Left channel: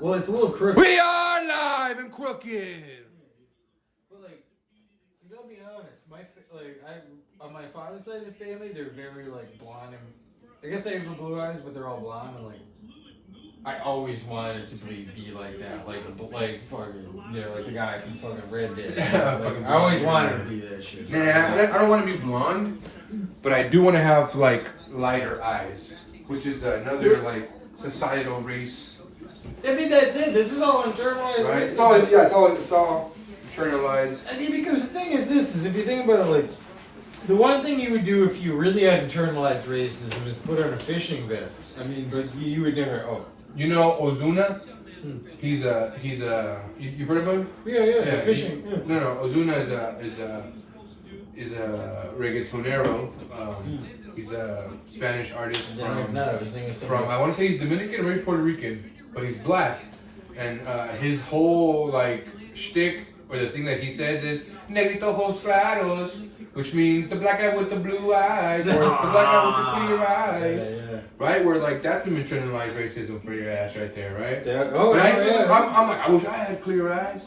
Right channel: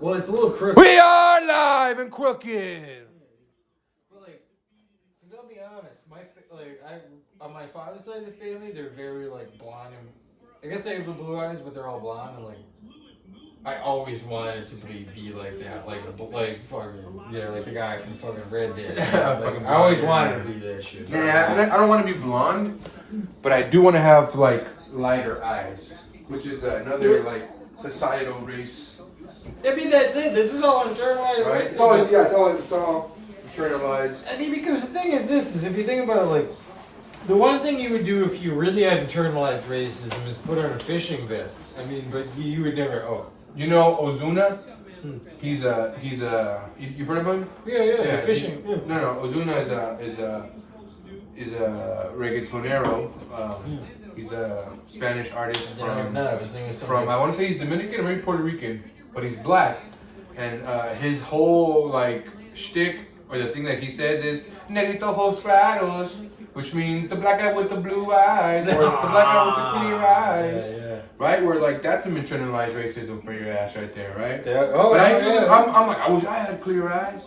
Well, it's a little crooked. We are live and crooked. But like, cause I'll be honest, on my father's side of the family, they're very like blonde and I guess they have the blue eyes, but they're all blonde and like. I always wanted to be like that, like fucking, like the guy from fucking Red Dead. Like, I always wanted to be that shit. Nah, I don't want to be blonde, but I do want to have like lighter eyes, which is another like societal race. I mean, that's it. This is all internalized, Right? right? It's all internalized. I mean, because the thing is this, is if you think about it, like, the one thing you would do if you really had internalized racism is put on a fishing vest. I mean, but you would never, You know Ozuna? He's you heard of him? Yeah, fishing. No, Ozuna is a reggaetonero. He's a Spanish artist from I want to say he's Dominican or maybe Puerto Rican, but he's black, and his whole like shtick or the thing that he says is "negrito ojos claros," which means the black guy with the blue eyes or the black guy with the clear eyes. Yeah. Right? Where like that's some internalized racism for your ass right there, right? I'm like, I wish I had clear eyes.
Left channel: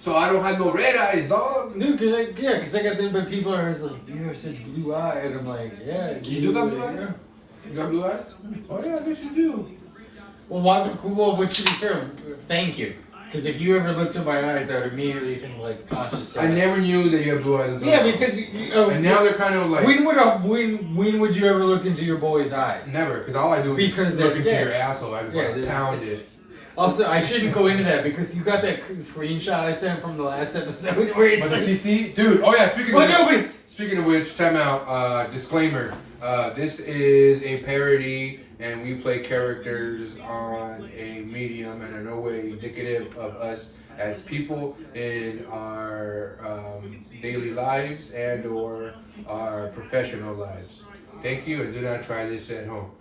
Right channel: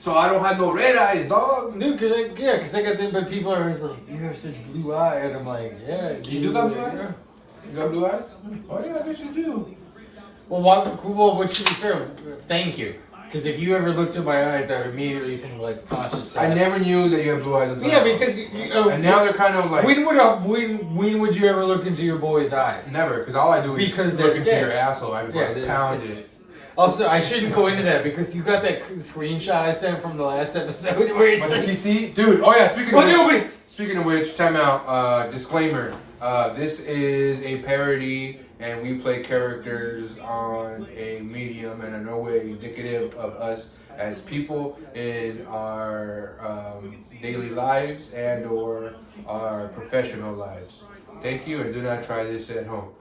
So I don't have no red eyes, dog. Dude, cause I got them, but people are always like, you have such blue eyes, and I'm like, yeah. You do got blue eyes? You got blue eyes? Oh yeah, I guess you do. Well, what should be fair? Thank you. Because if you ever looked at my eyes, I would immediately think like Ponch is. I never knew that you had blue eyes until yeah, because and now they're kind of like. When would you ever look into your boy's eyes? Never, because all I do is look into your asshole. I pound it. Also, I shouldn't go into that because you got that screenshot I sent from the last episode where it's like, CC? Dude, oh yeah, speaking of which, time out, disclaimer. This is a parody and we play characters on a medium and are no way indicative of us as people in our daily lives and or our professional lives. Thank you, and do not try this at home.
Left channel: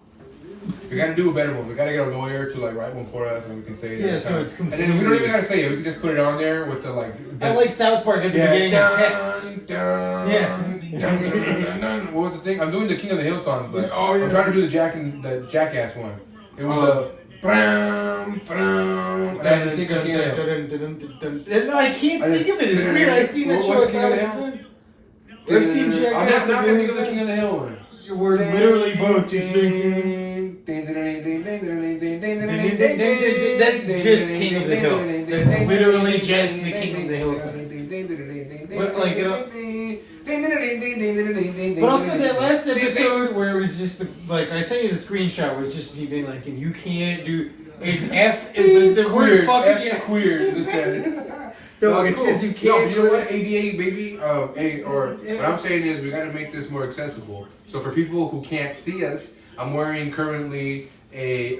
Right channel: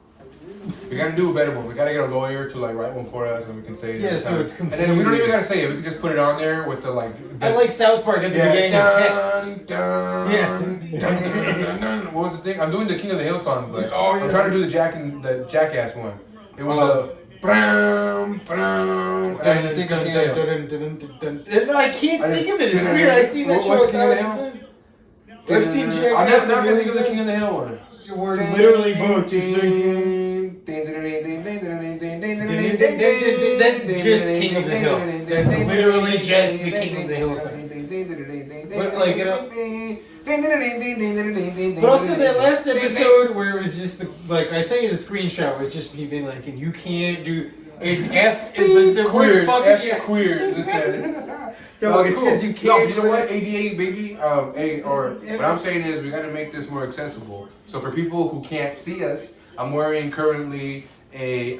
We gotta do a better one. We gotta get a lawyer to like write one for us, and we can say it. Yeah, so it's completely. And then we don't even gotta say it. We can just put it on there with the like. I like South Park at the beginning of text. What was the thing? I'm doing the King of the Hill song, but I'm trying to do the Jackass one. It was the. And I just think of King of the Hill. I can't think of it. It's weird. I see that show. King of the Hill? I've seen Jackass. I'm not gonna think of the King of the Hill one. We're literally both just drinking. That's just King of the Hill. That's literally just the King of the Hill song. But like, but also that last episode where it was just like I sent you the screenshot where it's just me being like, and you can't do an F and the word fucking queers. It says. No, it's because you can't. No, you know what? ADA, baby. What I'm saying is we got to make this more accessible. So for people who can't see us, I'm wearing currently a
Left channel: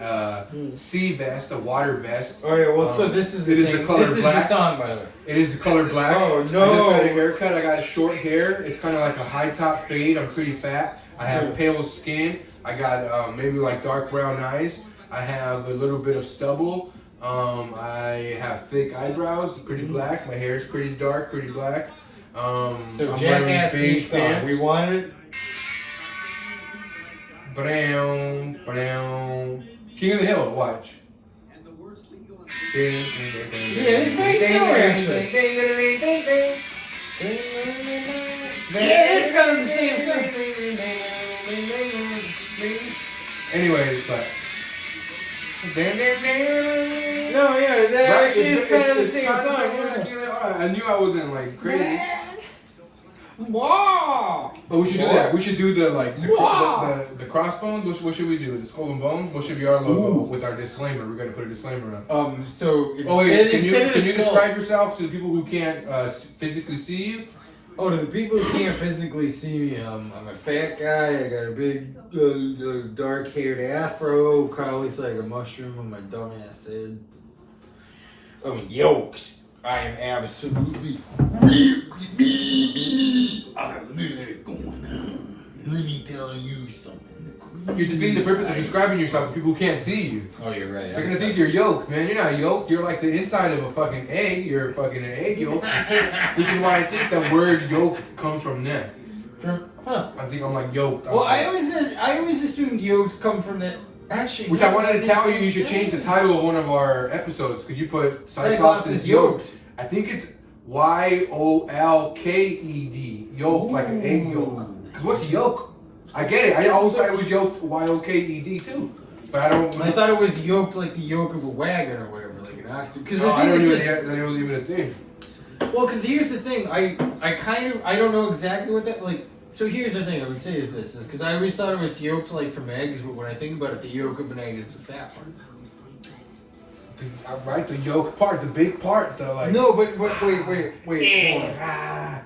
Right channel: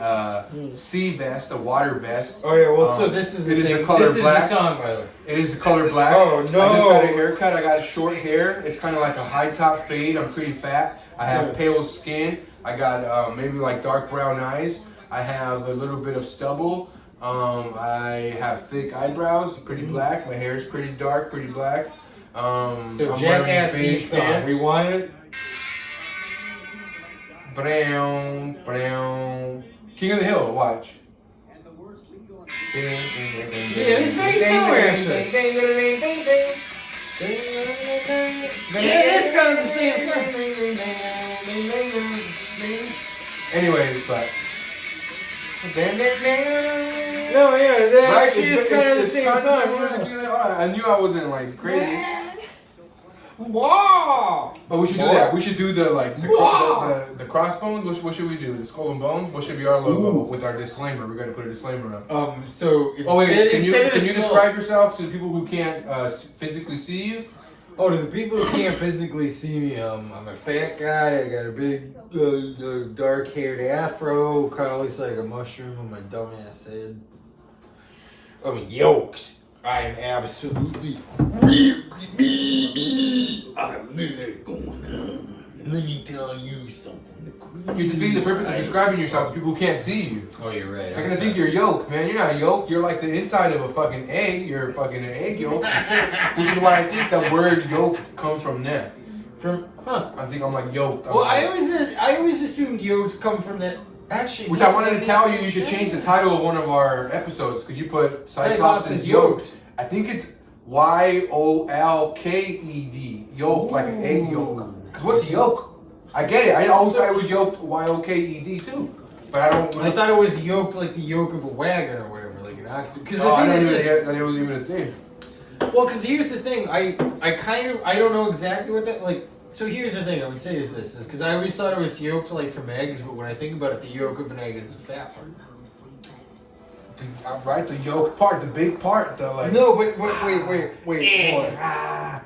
sea vest, a water vest. Oh yeah, well, so this is the color this black. Is the song, by the way. It is the color black. Oh no! I just got a haircut. I got short hair. It's kind of like a high top fade. I'm pretty fat. I have pale skin. I got maybe like dark brown eyes. I have a little bit of stubble. I have thick eyebrows, pretty black. My hair is pretty dark, pretty black. So Jackass theme song. We wanted it. Brown. King of the Hill. Watch. Yeah, it's very similar actually. Yeah, it's kind of the same song. Anyways, but. No, yeah, that actually is kind of the same song. I knew I wasn't like crazy. Wow! But we should do that. We should do the crossbones. What should we do? The skull and bones. What should be our logo with our disclaimer? We're gonna put a disclaimer on. So can you describe yourself to the people who can't physically see you? Oh, to the people who can't physically see me, I'm a fat guy. I got a big, dark-haired afro. Kind of looks like a mushroom on my dumbass head. I'm yoked. I am absolutely I'm good going on. Let me tell you something. You're defeating the purpose of describing yourself to people who can't see you. Oh, you're right. They're gonna think you're yolk, man. You're not yolk. You're like the inside of a fucking egg. You're fucking an egg yolk. Which is why I think the word yolk comes from that. I think I'm like yolk. Well, I always assumed yolks come from that Actually, which I wanted to tell you, you should change the title of one of our episodes because you put Cyclops is yoked. I think it's YOLKED, yolk, like an egg yolk. Because what's yolk? I get it. I always thought it was yoked YOKED too, but I don't. I thought it was yoked like the yoke of a wagon or whatever, like an ox. Because the I thing is this, that it wasn't even a thing. Well, because here's the thing, I don't know exactly what that like. So here's the thing I would say is because I always thought it was yolked like from eggs, but when I think about it, the yolk of an egg is the fat part. Right, the yolk part, the big part, the like. No, but wait. Era.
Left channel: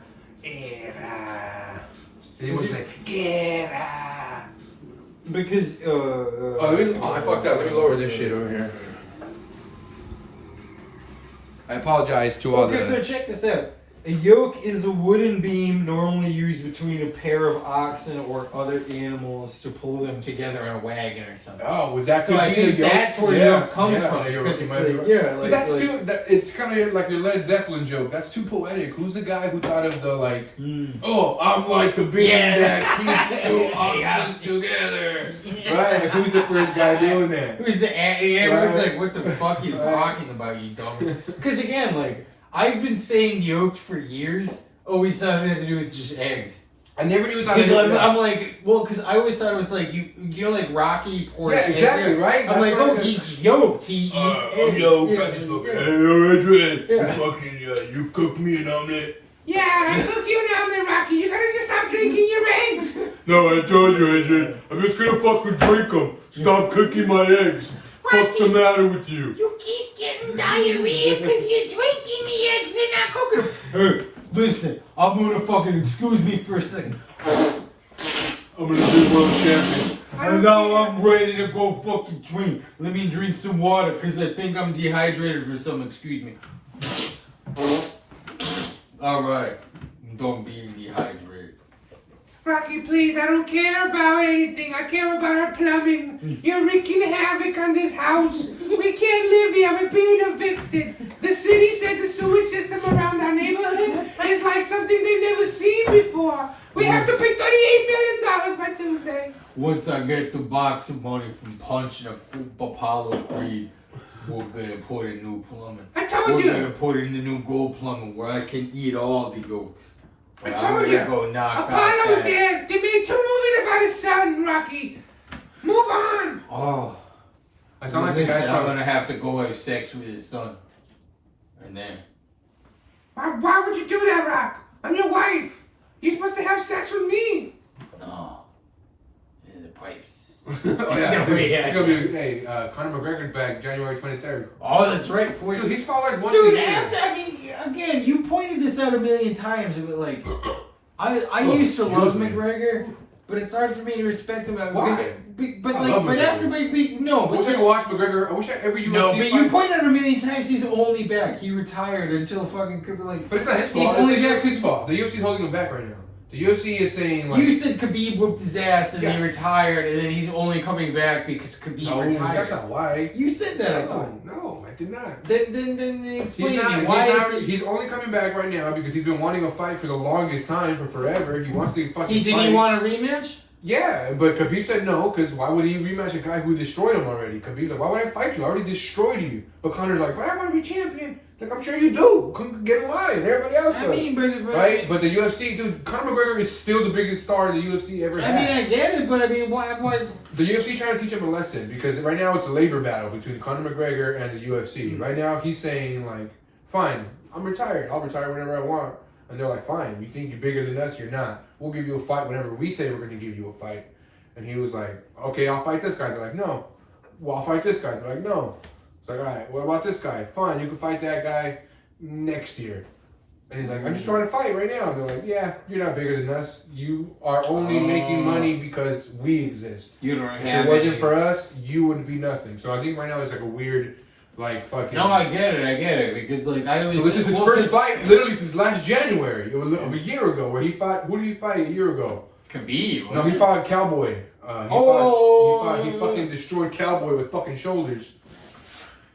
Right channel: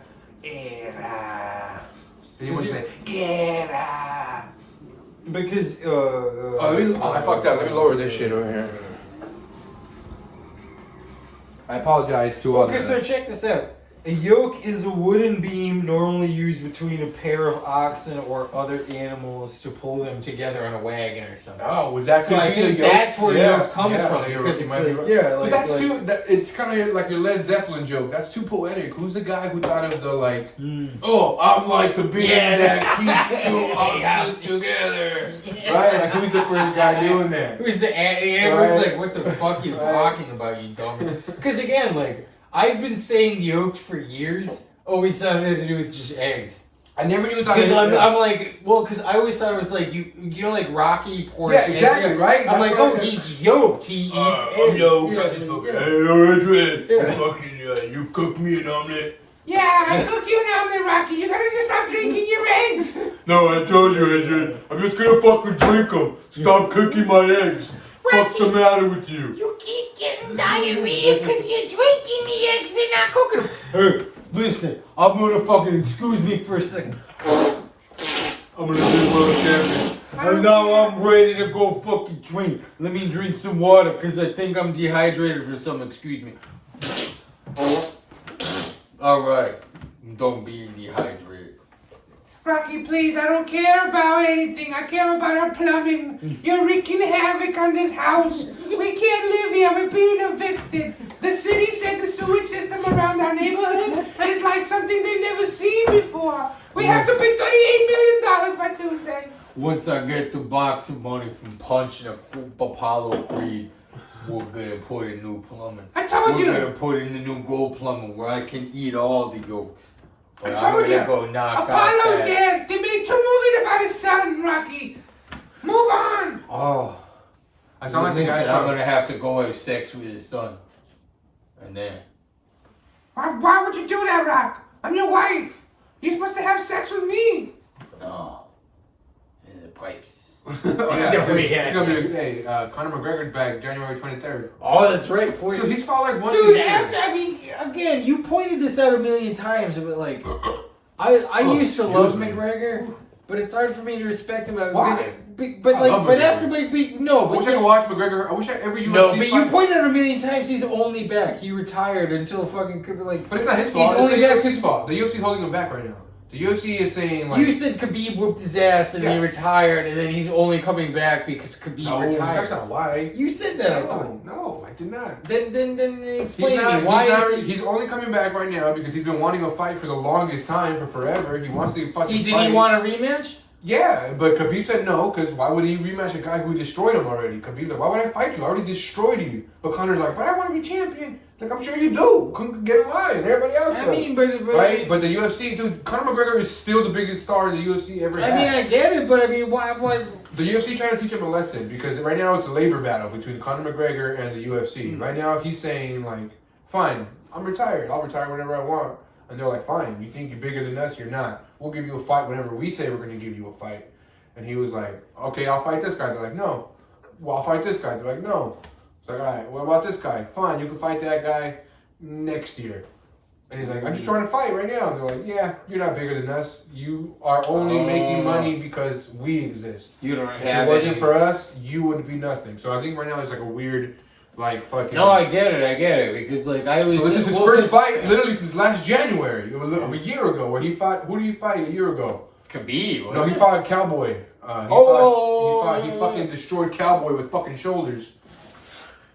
Then you would say, Gera. Because I fucked up. Let me lower this shit over here. I apologize to all. Okay, so check this out. A yoke is a wooden beam normally used between a pair of oxen or other animals to pull them together on a wagon or something. Oh, was that so I think that's where yoke comes from. Because it's but that's too. It's kind of like your Led Zeppelin joke. That's too poetic. Who's the guy who thought of the like? Oh, I'm like the beam that keeps two oxen together. Right? Like who's the first guy doing that? Who's the? Everyone's like, what the fuck are you talking about, you dumb? Because again, like. I've been saying yolked for years. Always thought it had to do with just eggs. I never even thought. I'm like, well, because I always thought it was like you know, like Rocky pours. Yeah, exactly, right. I'm like, oh, he's yoked. He eats eggs. Yo, hey, Adrian, you cook me an omelet. Yeah, I cook you an omelet, Rocky. You gotta just stop drinking your eggs. No, I told you, Adrian. I'm just gonna fucking drink them. Stop cooking my eggs. What's the matter with you? You keep getting diarrhea because you're drinking the eggs and not cooking them. Hey, listen, I'm gonna fucking excuse me for a second. I'm gonna be world champion. And now I'm ready to go fucking drink. Let me drink some water because I think I'm dehydrated or something. Excuse me. Alright, don't be dehydrated. Rocky, please, I don't care about anything. I care about our plumbing. You're wreaking havoc on this house. We can't live here. We're being evicted. The city said the sewage system around our neighborhood is like something they've never seen before. We have to pay $38 million by Tuesday. Once I get the box of money from Ponch and Apollo Creed, we're gonna put in new plumbing. I told you. We're gonna put in the new gold plumbing where I can eat all the yolks. I told you. Go Apollo's dead. They made 2 movies about his son, Rocky. Move on. Oh. I sound like listen, I'm gonna have to go have sex with his son. And then. Why would you do that, Rock? I'm your wife. You're supposed to have sex with me. No. In the pipes. Oh yeah. It's gonna be Conor McGregor's back January 23rd. Oh, that's right. Dude, he's fought like one. Dude, again, you pointed this out a million times, but like, I used to love McGregor, but it's hard for me to respect him. Why? But everybody, no. I wish I could watch McGregor. I wish every UFC. No, but you pointed out a million times he's only back. He retired until fucking like. But it's not his fault. It's the UFC's fault. The UFC's holding him back right now. The UFC is saying like. You said Khabib whooped his ass and he retired, and then he's only coming back because Khabib retired. That's not why. You said that. I thought. No, I did not. Then explain to me why he's only coming back right now because he's been wanting a fight for the longest time, for forever. He wants to fucking. Did he want a rematch? Yeah, but Khabib said no, because why would he rematch a guy who destroyed him already? Khabib's like, why would I fight you? I already destroyed you. But Conor's like, but I want to be champion. Like, I'm sure you do. Come get in line. Everybody else does. I mean, right? But the UFC, dude, Conor McGregor is still the biggest star the UFC ever had. I mean, I get it, but I mean, why? The UFC trying to teach him a lesson, because right now it's a labor battle between Conor McGregor and the UFC. Right now, he's saying, like, fine, I'm retired. I'll retire whenever I want. And they're like, fine, you think you're bigger than us? You're not. We'll give you a fight whenever we say we're going to give you a fight. And he was like, okay, I'll fight this guy. They're like, no. Well, I'll fight this guy. They're like, no. It's like, all right, what about this guy? Fine, you can fight that guy next year. And he's like, I'm just trying to fight right now. And they're like, yeah, you're not bigger than us. You are only making money because we exist. You don't if it wasn't for us, you would be nothing. So I think right now it's like a weird, like, fucking... No, I get it. Because, like, I always... So this is his first fight, literally since last January of a year ago, where he fought... Who did he fight a year ago? Khabib. No, he fought Cowboy. He fucking destroyed Cowboy with fucking shoulders.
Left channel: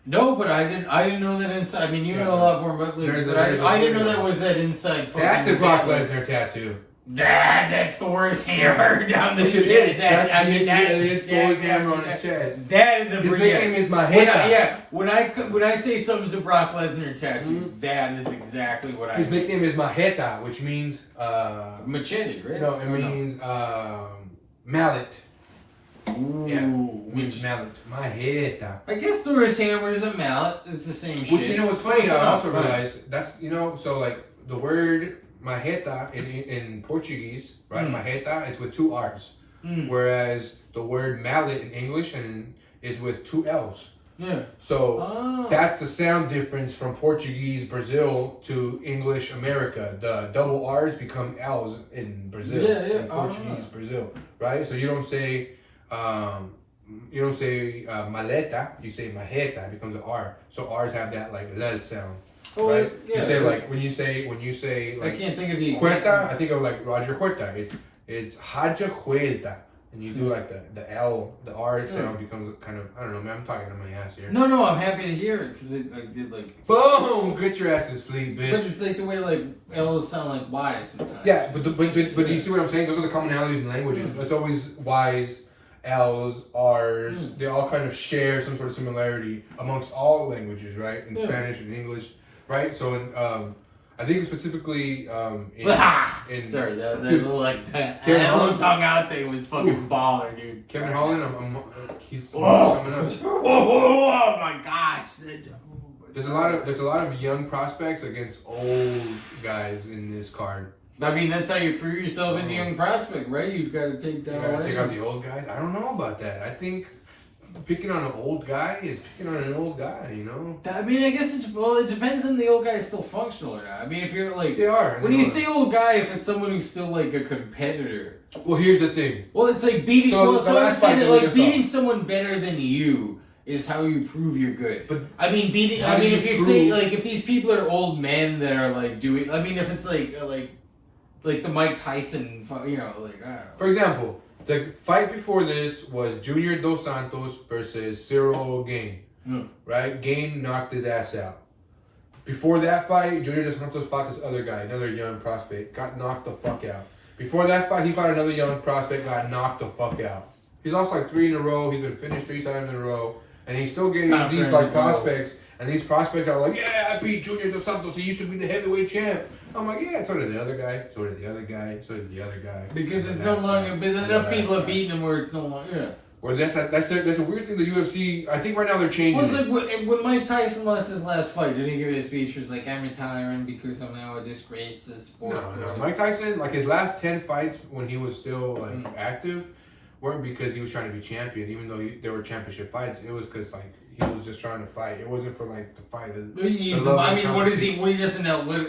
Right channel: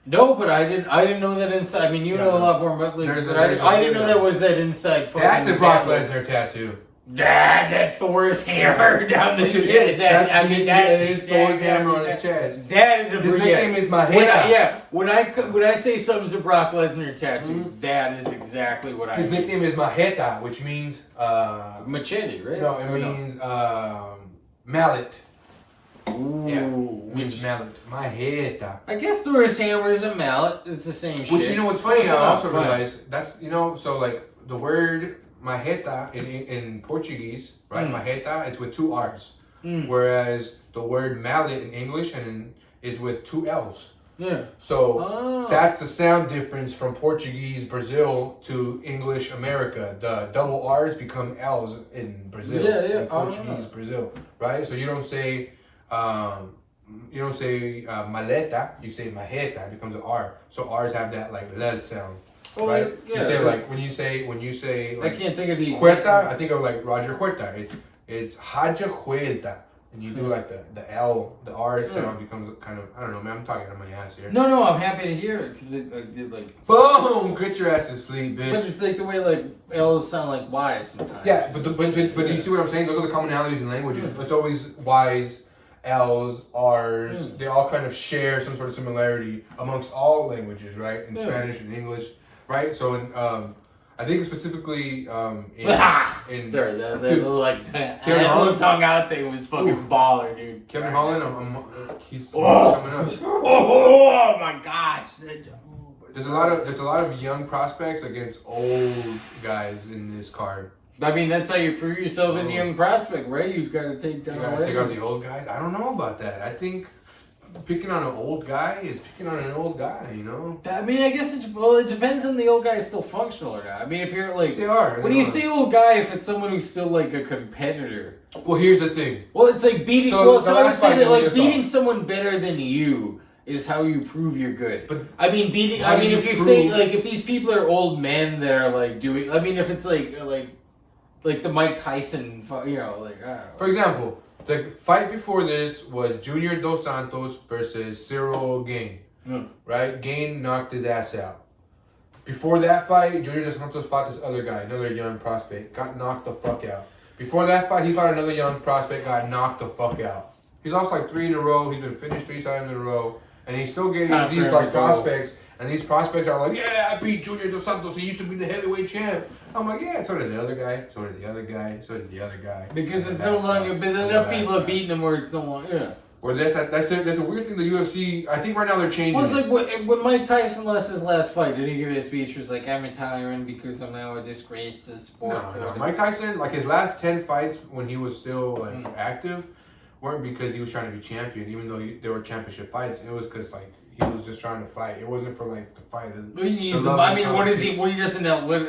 No, but I didn't know that inside. I mean, you know a lot more about Lakers, but I didn't know that was that inside. That's a Brock Lesnar tattoo. That Thor's hammer down the chest. It is Thor's hammer on his chest. That is a his nickname is Maheta. When I say something's a Brock Lesnar tattoo, that is exactly what I. His nickname is Maheta, which means machete, right? No, it means mallet. Ooh, yeah, which mallet? Maheta. I guess Thor's hammer is a mallet. It's the same shit. Which you know what's funny? I also realized that's so like the word Maheta in Portuguese, right? Maheta, it's with 2 R's. Whereas the word mallet in English is with 2 L's. Yeah. So that's the sound difference from Portuguese Brazil to English America. The double R's become L's in Brazil. In Portuguese Brazil, right? So you don't say maleta, you say maheta, it becomes an R. So R's have that like lel sound. Well, right? Yeah, you say like when you say like I can't think of the Huerta, I think of like Roger Huerta. It's Haja Huerta. And you do like the L, the R sound becomes kind of, I don't know, man, I'm talking out of my ass here. No, I'm happy to hear it because it did like. Boom! Get your ass to sleep, bitch. But it's like the way like L's sound like Y's sometimes. Yeah, but do you see what I'm saying? Those are the commonalities in languages. It's always Y's, L's, R's. They all kind of share some sort of similarity amongst all languages, right? In Spanish and English, right? So in I think specifically in sorry, the little like little tongue out thing was fucking baller, dude. Kevin Holland, he's coming up. Oh my gosh! There's a lot of young prospects against old guys in this card. I mean, that's how you prove yourself as a young prospect, right? You've got to take down. You gotta take out the old guys. I don't know about that. I think picking on an old guy is picking on an old guy, you know? I mean, I guess it depends on the old guy is still functional or not. I mean, if you're like... They are. When you say old guy, if it's someone who's still like a competitor... Well, here's the thing. Well, it's like beating... So I would say that like beating someone better than you is how you prove you're good. But I mean, if you say like, if these people are old men that are like doing... I mean, if it's like the Mike Tyson, you know, like, I don't know. For example... The fight before this was Junior Dos Santos versus Cyril Gain, right? Gain knocked his ass out. Before that fight, Junior Dos Santos fought this other guy, another young prospect, got knocked the fuck out. Before that fight, he fought another young prospect, got knocked the fuck out. He's lost like 3 in a row. He's been finished 3 times in a row, and he's still getting these like prospects. And these prospects are like, yeah, I beat Junior Dos Santos. He used to be the heavyweight champ. I'm like, yeah, so did the other guy. So did the other guy. So did the other guy. Because it's no longer, but enough people have beaten him where it's no longer, yeah. Well, that's a weird thing. The UFC, I think right now they're changing. Well, it's like when Mike Tyson lost his last fight, did he give a speech? Was like, I'm retiring because I'm now a disgrace to sport. No. Mike Tyson, like his last 10 fights when he was still like active, weren't because he was trying to be champion. Even though there were championship fights, it was because like he was just trying to fight. It wasn't for like the fight. I mean, what is he? What he doesn't know. What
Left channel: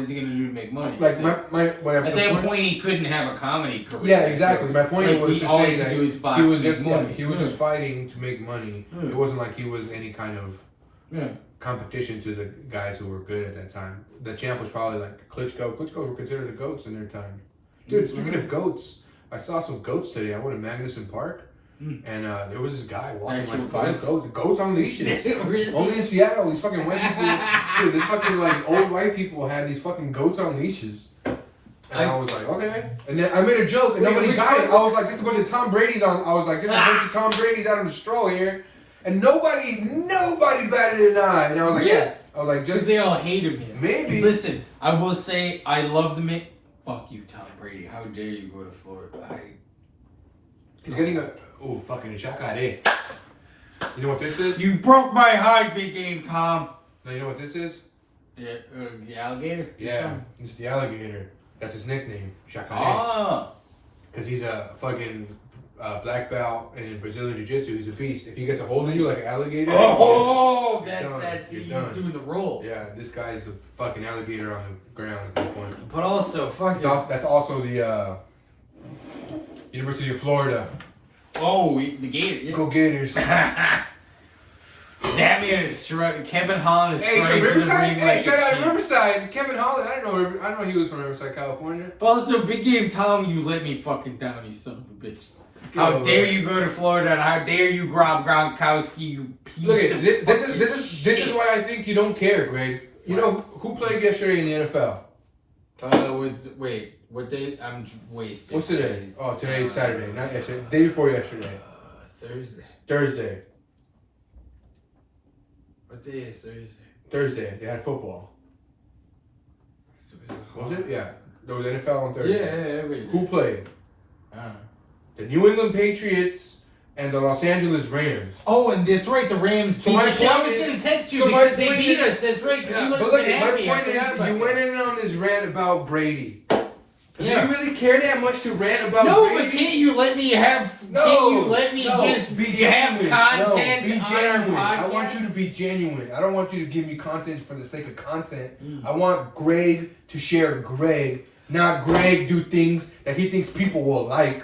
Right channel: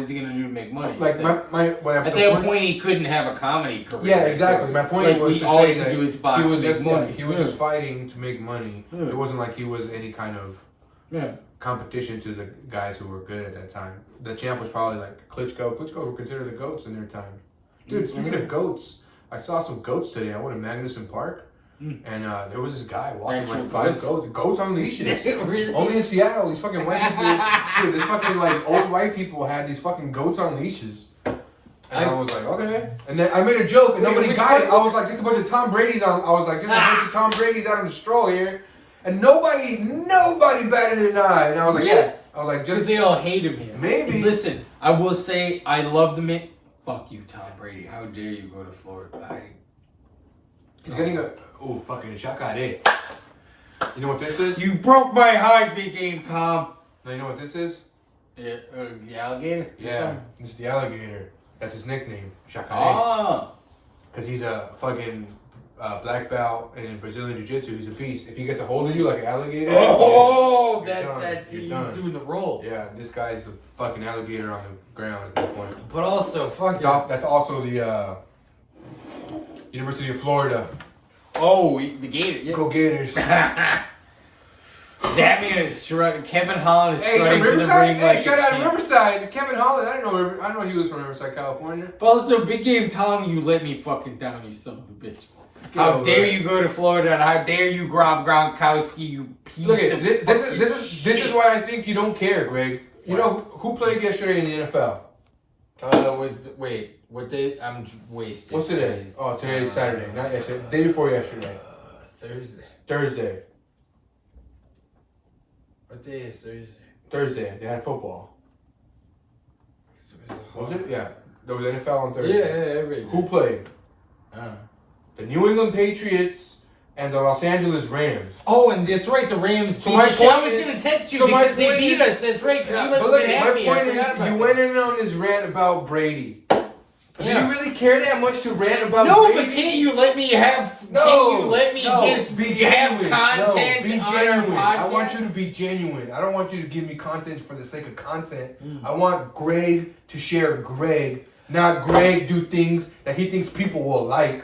is he going to do to make money? Like at that point, he couldn't have a comedy career. Yeah, exactly. So, my point was to say that do is box he was just money. He was just fighting to make money. It wasn't like he was any kind of competition to the guys who were good at that time. The champ was probably like Klitschko. Klitschko were considered the goats in their time. Dude, speaking of goats, I saw some goats today. I went to Magnuson Park. And there was this guy walking like 5 goats on leashes. Really? Only in Seattle, these fucking white people. Dude, this fucking like old white people had these fucking goats on leashes. And I was like, okay. And then I made a joke and nobody got it. I was like, just a bunch of Tom Brady's on. I was like, just a bunch of Tom Brady's out on the stroll here. And nobody batted an eye. And I was like, yeah. I was like, just. Because they all hate him here. Maybe. Listen, I will say, I love the man. Fuck you, Tom Brady. How dare you go to Florida? He's getting a. Oh, fucking Jacare. You know what this is? You broke my heart, big game, Tom. No, you know what this is? Yeah, the alligator? Yeah, it's the alligator. That's his nickname, Jacare. Ah. Because he's a fucking black belt in Brazilian Jiu-Jitsu. He's a beast. If he gets a hold of you like an alligator... Oh, he's doing the roll. Yeah, this guy's a fucking alligator on the ground at that point. But also, that's also the University of Florida. Oh, the Gator. Yeah. Go Gators. That man is strutting. Kevin Holland is strutting to the ring like shout out Riverside. Kevin Holland. I didn't know he was from Riverside, California. But also, big game Tom, you let me fucking down, you son of a bitch. How dare you go to Florida and how dare you grab Gronkowski, you piece of this is why I think you don't care, Greg. You know who played yesterday in the NFL? What day? I'm wasted. What's today? Oh, today's Saturday, not yesterday. Day before yesterday. Thursday. Thursday. What day is Thursday? Thursday. They had football. Was it? Yeah. There was NFL on Thursday. Yeah, every day. Who played? The New England Patriots and the Los Angeles Rams. Oh, and that's right, the Rams beat us. I was going to text you because they beat us. That's right, because you must have been happy. My point is, you went in on this rant about Brady. Do you really care that much to rant about Brady? No, but can't you let me have... can't you let me just have content on our podcast? I want you to be genuine. I don't want you to give me content for the sake of content. I want Greg to share Greg, not Greg do things that he thinks people will like.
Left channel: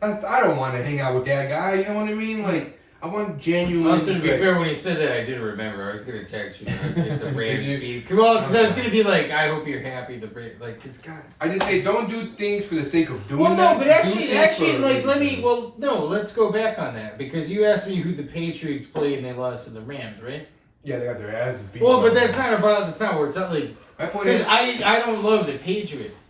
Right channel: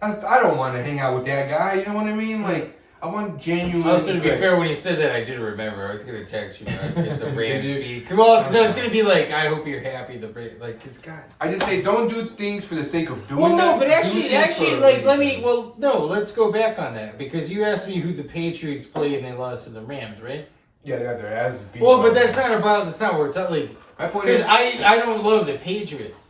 I don't want to hang out with that guy. You know what I mean? Like, I want genuine. I was going to be fair when he said that. I did remember. I was going to text you if the Rams beat. Well, because I was going to be like, I hope you're happy. Because God. I just say don't do things for the sake of doing. Well, no, that. but actually, like, let me. Well, no, let's go back on that because you asked me who the Patriots played and they lost to the Rams, right? Yeah, they got their asses beat. Well, but that's not what we're talking. My point is, I don't love the Patriots.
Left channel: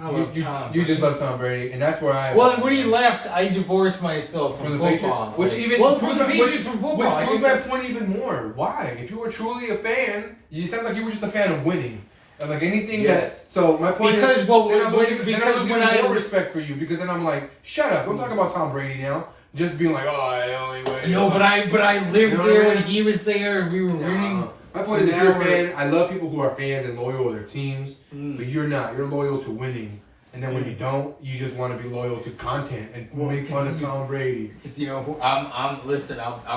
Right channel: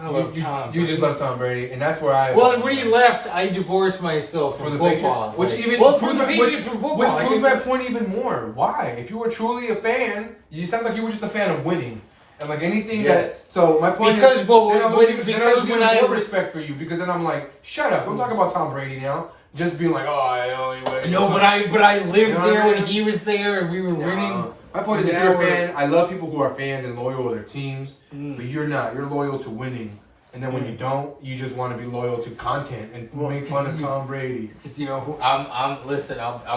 You just love Tom Brady, and that's where I. Well, when he left, I divorced myself from football. Which from the Patriots from football. Which proves my point even more. Why? If you were truly a fan, you sound like you were just a fan of winning, and like anything that. So my point is, because when I more respect for you, because then I'm like, shut up! Don't talk about Tom Brady now. Just being like, oh, I only win. No, but I lived there when he was there, and we were winning. My point is, if you're a fan, I love people who are fans and loyal to their teams, but you're not. You're loyal to winning. And then when you don't, you just want to be loyal to content and make fun of Tom Brady. Because you know who I'm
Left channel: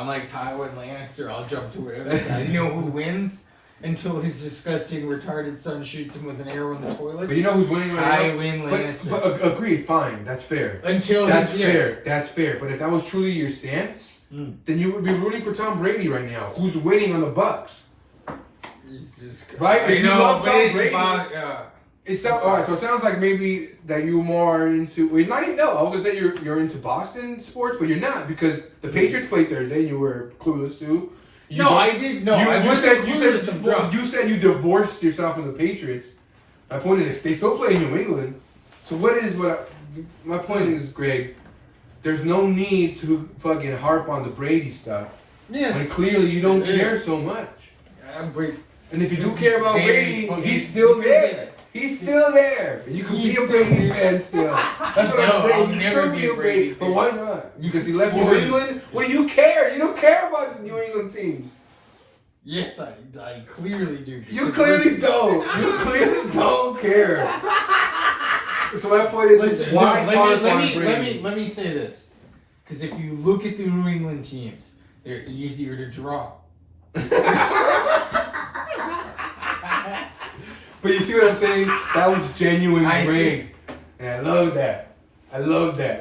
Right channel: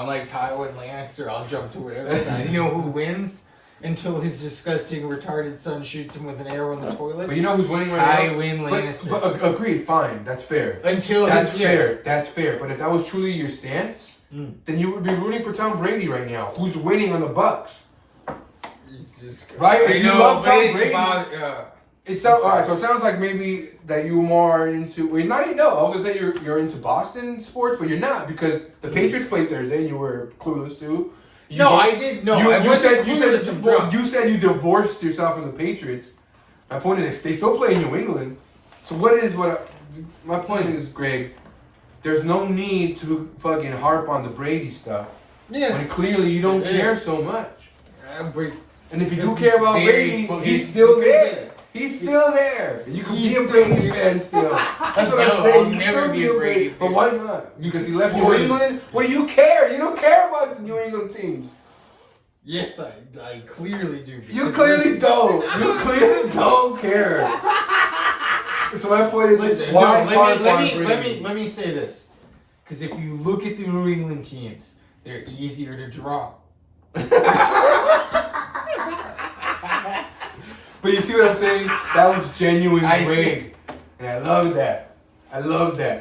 like Tywin Lannister. I'll jump to whatever side. You know who wins until his disgusting retarded son shoots him with an arrow in the toilet. But you know who's winning right now? Tywin Lannister. But agreed, fine, that's fair. That's fair. But if that was truly your stance, then you would be rooting for Tom Brady right now. Who's winning on the Bucks? Right? If you love Tom Brady. It sounds alright. So it sounds like maybe that you were more into. Well, not even. No, I was gonna say you're into Boston sports, but you're not because the Patriots played Thursday and you were clueless too. I did. No, I wasn't clueless. You said you divorced yourself from the Patriots. My point is they still play in New England. So my point is, Greg, there's no need to fucking harp on the Brady stuff. Yes. When clearly you don't care so much. And if you do care about Brady, he's still there. He's still there. You can be a Brady fan still. That's what I'm saying. You can still be a Brady fan. But why not? Because he left New England? What do you care? You don't care about the New England teams. Yes, I clearly do. You clearly don't. You clearly don't care. So my point is, listen, why let me say this. Because if you look at the New England teams, they're easier to draw. But you see what I'm saying? That was genuine Greg. And I love that.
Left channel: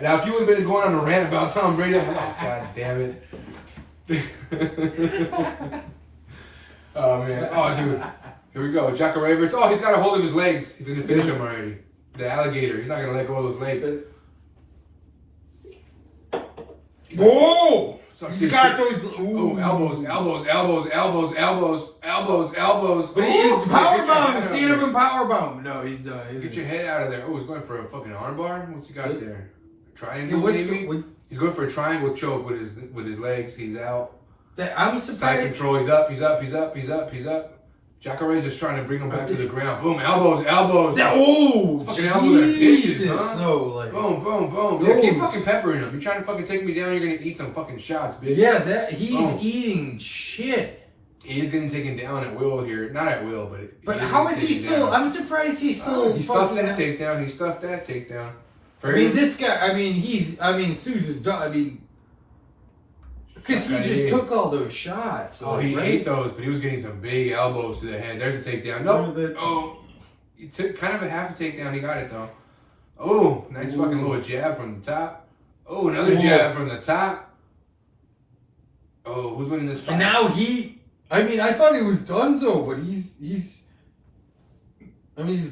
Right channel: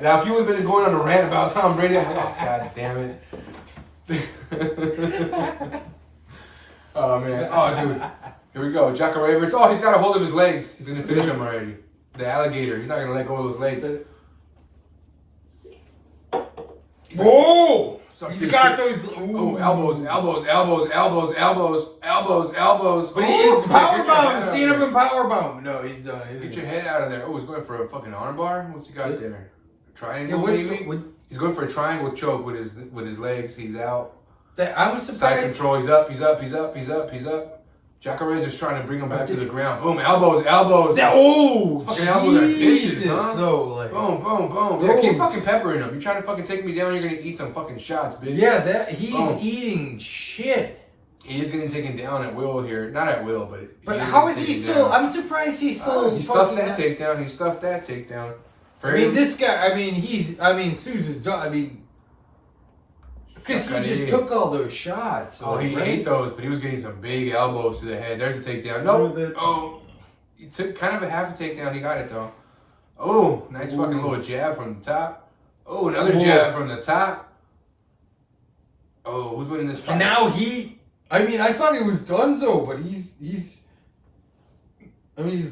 Now, if you would have been going on a rant about Tom Brady, I'm like, oh, God damn it. Oh, man. Oh, dude. Here we go. Jacko Ravers. Oh, he's got a hold of his legs. He's going to finish him already. The alligator. He's not going to let go of those legs. Whoa! He's got those. Oh, elbows. But he's power bomb. Seen him in power bomb. No, he's done. Get your head out of there. Oh, he's going for a fucking armbar. What's he got there? A triangle? He's going for a triangle choke with his legs. He's out. I'm surprised. Side control. He's up. Jacko Ray's just trying to bring him back to the ground. Boom, elbows. Fucking elbows are vicious, huh? Boom. Yeah, keep fucking peppering him. You trying to fucking take me down, you're gonna eat some fucking shots, bitch. Yeah, he's eating shit. He's getting taken down at will here. Not at will, but... But how is he still... Down. I'm surprised he's still... He stuffed that takedown. This guy... Sousa's done. Because he just took all those shots. So he ate those, but he was getting some big elbows to the head. There's a takedown. Nope. He took kind of a half a takedown. He got it, though. Oh, nice fucking little jab from the top. Oh, another jab from the top. Oh, who's winning this fight? And now I thought he was donezo, but he's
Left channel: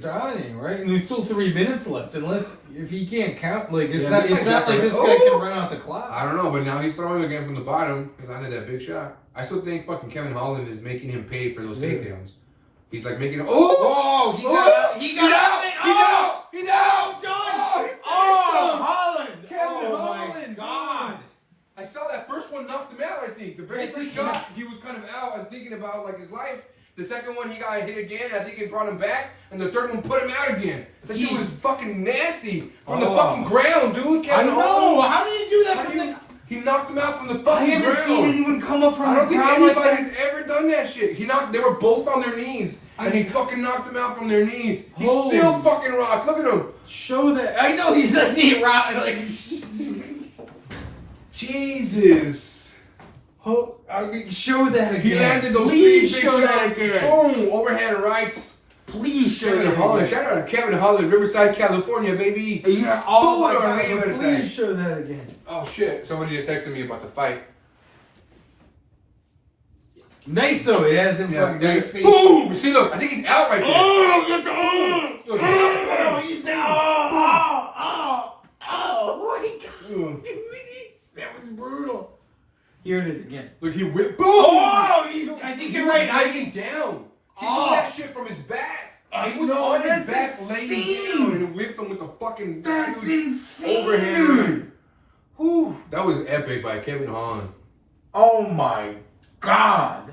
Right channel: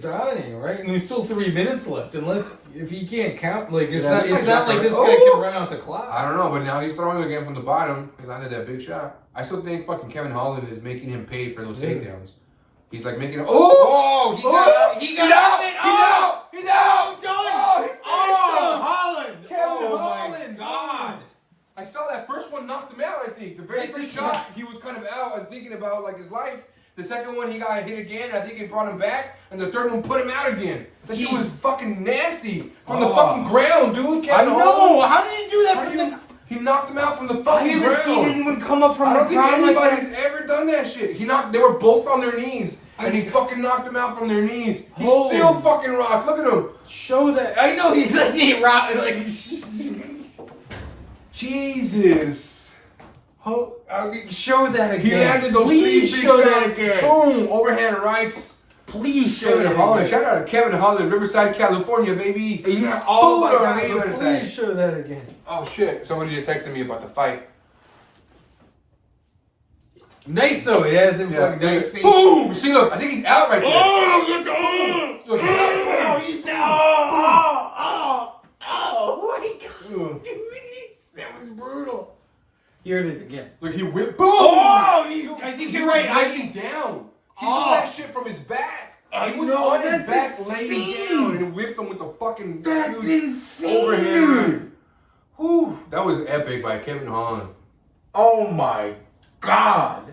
dominating, right? And there's still 3 minutes left, if he can't count, it's not like this guy can run out the clock. I don't know, but now he's throwing again from the bottom. He landed that big shot. I still think fucking Kevin Holland is making him pay for those takedowns. He's like making him. He got out. He's out. I saw that first one knocked him out, I think. The very first shot, he was kind of out and thinking about like his life. The second one, he got hit again. I think it brought him back. And the third one put him out again. That shit was fucking nasty. From the fucking ground, dude. Kevin know. How did he do that He knocked him out from the fucking ground. I haven't seen anyone come up from the ground I don't think anybody's ever done that shit. They were both on their knees. And he fucking knocked them out from their knees. He still fucking rocked. Look at him. Show that. I know he doesn't need rock. Like, Jesus. Show that again. He landed those Please big show shots. that again. Boom. Overhand rights. Please show that again. Shout out to Kevin Holland, Riverside, California, baby. Yeah. Oh my God. Please show that again. Oh shit. Somebody just texted me about the fight. Nice though. It has him fucking nice face. Boom. See, look. I think he's out right there. Oh, he's down. Oh my God. Dude, that was brutal. Here it is again. Look, he whipped. Boom! Oh, I think you're right. Laying down. He did that shit from his back. He was on his back laying down and whipped him with the fucking. That's insane, overhand. dude. Whew, that was epic by Kevin Holland. Oh my God.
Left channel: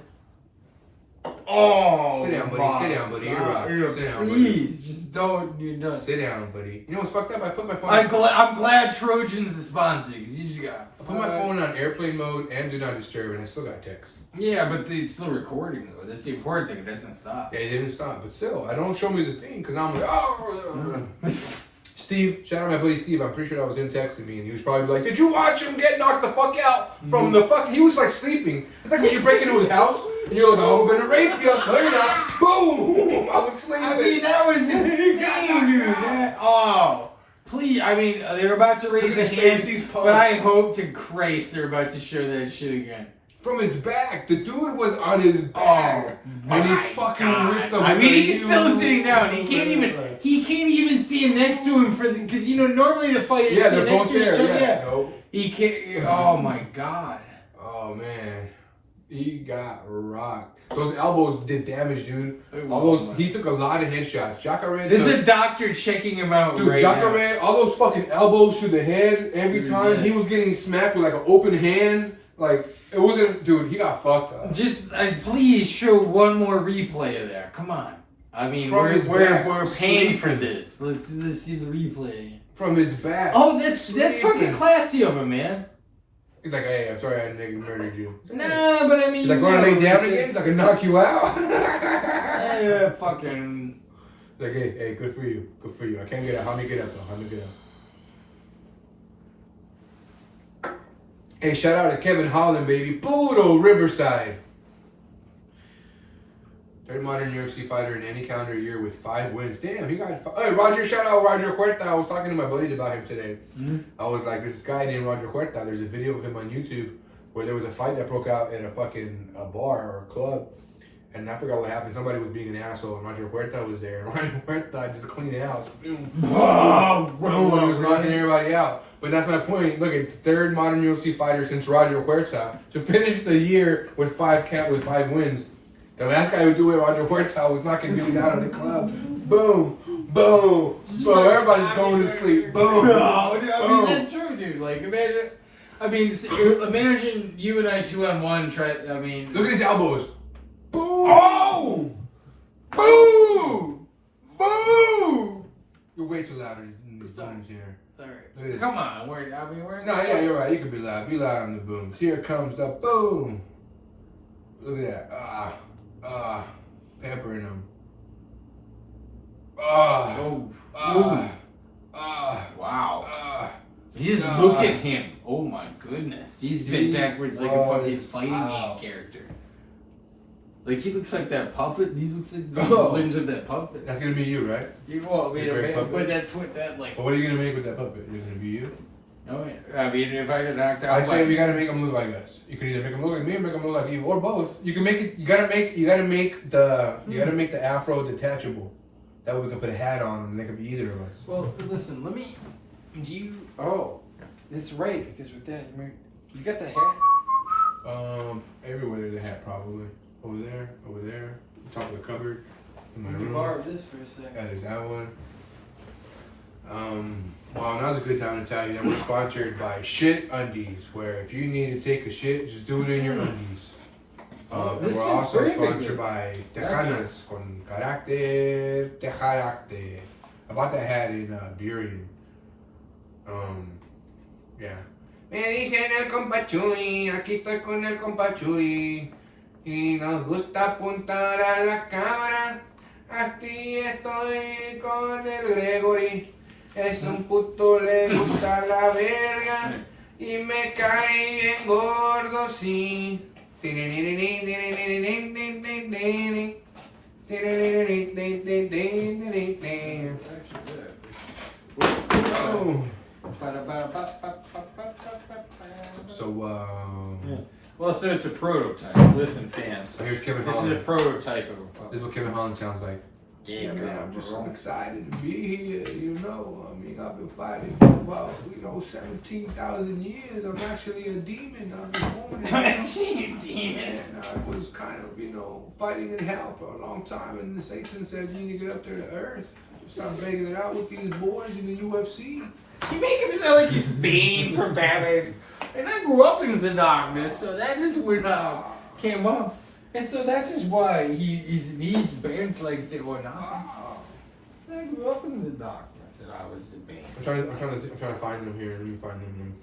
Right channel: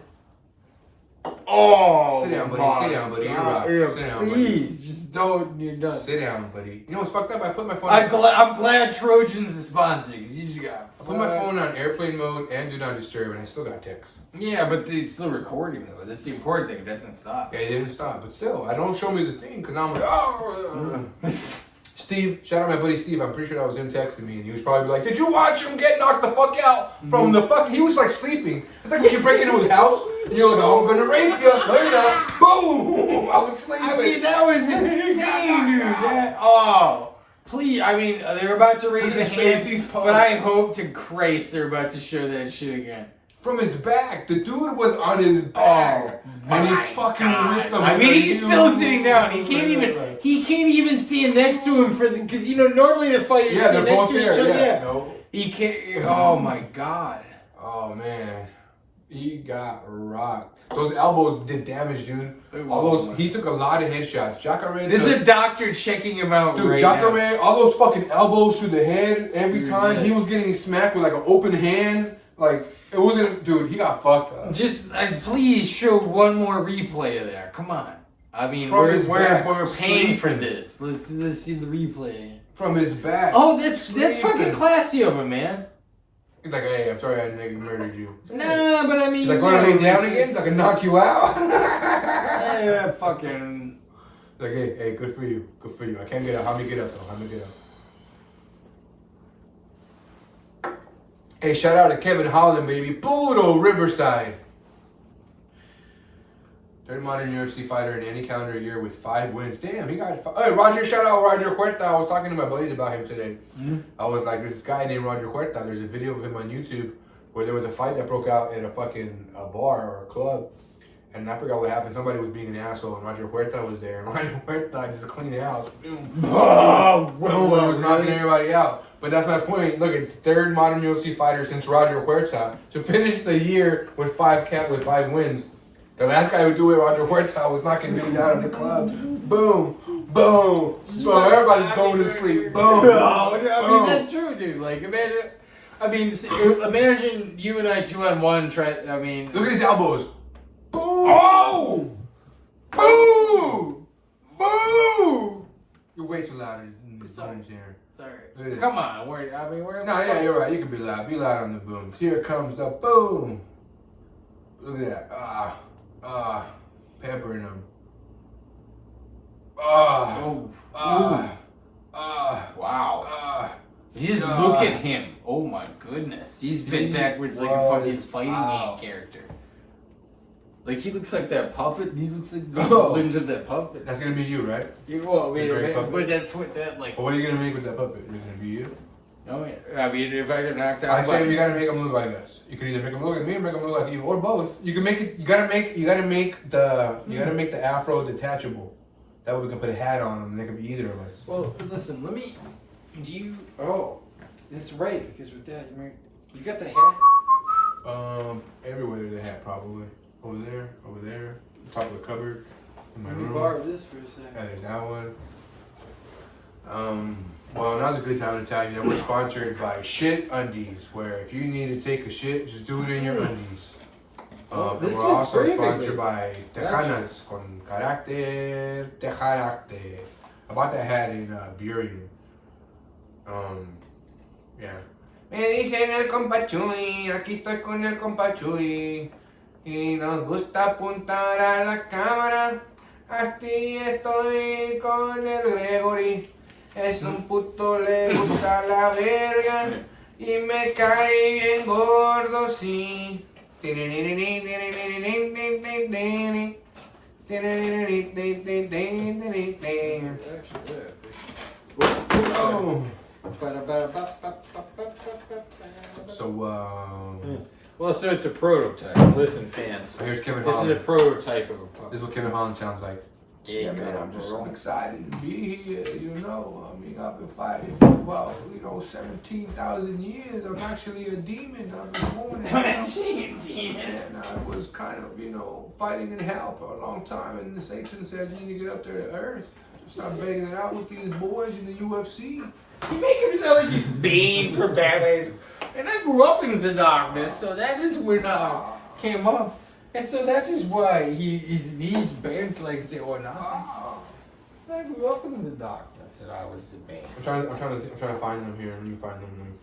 Oh. Sit down, buddy. Sit down, buddy. You're right. Sit down, buddy. Please, just don't. You're done. Sit down, buddy. You know what's fucked up? I put my phone. I'm glad Trojans is sponsoring because you just got. I put my phone on airplane mode and do not disturb, and I still got text. Yeah, but it's still recording though. That's the important thing. It doesn't stop. Yeah, it didn't stop, but still, I don't show me the thing because I'm like, oh. Steve, shout out my buddy Steve. I'm pretty sure that was him texting me, and he was probably like, "Did you watch him get knocked the fuck out from the fuck?" He was like sleeping. It's like when you break into his house and you're like, "Oh, I'm gonna rape you." No, you're not. Boom! I was sleeping. I mean, that was insane, dude. Please. I mean, they're about to raise a hand, but I hope to Christ they're about to show that shit again. From his back. The dude was on his back. And he fucking ripped him. I mean, he's still sitting down. He can't even stand next to him because normally the fighters stand next to each other. Yeah. No. He can't. Oh my God. Oh man. He got rocked. Those elbows did damage, dude. He took a lot of headshots. Jacare. There's a doctor checking him out right now. Jacare, all those fucking elbows to the head every time. He was getting smacked with like an open hand. Like, it wasn't, dude, he got fucked up. Just, please show one more replay of that. Come on. I mean, we're paying for this. Let's see the replay. From his back. Oh, that's fucking classy of him, man. He's like, "Hey, I'm sorry I murdered you." Nah, but I mean, he's like, "Want to lay down again? So I can knock you out." Yeah, fucking. Like, hey, good for you. Good for you. I can't get up. How me get up, though? How me get up? Hey, shout out to Kevin Holland, baby. Budo Riverside. Third modern UFC fighter in any calendar year with 5 wins. Damn, he got. Hey, Roger, shout out Roger Huerta. I was talking to my buddies about him today. Mm-hmm. I was like, this guy named Roger Huerta. There's a video of him on YouTube where there was a fight that broke out at a fucking bar or a club. And I forgot what happened. Somebody was being an asshole, and Roger Huerta was there. And Roger Huerta just cleaned it out. Oh, was knocking everybody out. But that's my point. Look at third modern UFC fighter since Roger Huerta to finish the year with 5 wins. The last guy who do it, Roger Huerta, was knocking dudes out of the club. Boom, boom, boom. Everybody's going to sleep. Boom. I mean, that's true, dude. Like, imagine you and I 2-on-1 try. I mean, look at his elbows. Boom. Oh! Boom! Boom! You're way too loud. Sorry. Come on. We're. No, yeah, you're right. You can be loud. Be loud on the booms. Here comes the boom. Look at that. Pampering him. Wow. Just look at him. Oh my goodness. He's bent backwards like a fucking fighting game character. Like, he looks like that puppet. He looks like the limbs of that puppet. That's gonna be you, right? But that's what that, like... But what are you gonna make with that puppet? Is it gonna be you? No, I mean, if I get knocked out... I say you gotta make him look like us. You can either make him look like me or make him look like you, or both. You can make it... You gotta make the afro detachable. That way we can put a hat on him and they can be either of us. Well, listen, let me... Oh, that's right, because with that... You got the hat? Everywhere there's a hat, probably. Over there, top of the cupboard, in my room. Let me borrow this for a second. Yeah, there's that one. Well, now's a good time to tell you that we're sponsored by Shit Undies, where if you need to take a shit, just do it in your undies. And This we're is also great, sponsored by Tejanas con carácter de carácter. I bought that hat in Burien. Yeah. Me dicen el compa Chuy, aquí estoy con el compa Chuy. Y nos gusta apuntar a la cámara. Así estoy con el Gregory. Es un puto, le gusta la verga. Y me cae bien gordo, sí. Oh. So, well, so it's a prototype. Listen, fans. Here's Kevin This Holland. is a prototype of a puppet. This is what Kevin Holland sounds like. Yeah, man, I'm just so excited to be here, you know. I mean, I've been fighting for about, 17,000 years. I'm actually a demon. I've been born in hell. Actually, a demon. And I was kind of, fighting in hell for a long time. And the Satan said, you need to get up there to earth. Start begging it out with these boys in the UFC. You make him sound like he's Bane from Batman. And I grew up in the darkness, so that is when came up. And so that is why he's banned like say or not. I grew up in the darkness and I was a Bane. I'm trying to find them here. Let me find them.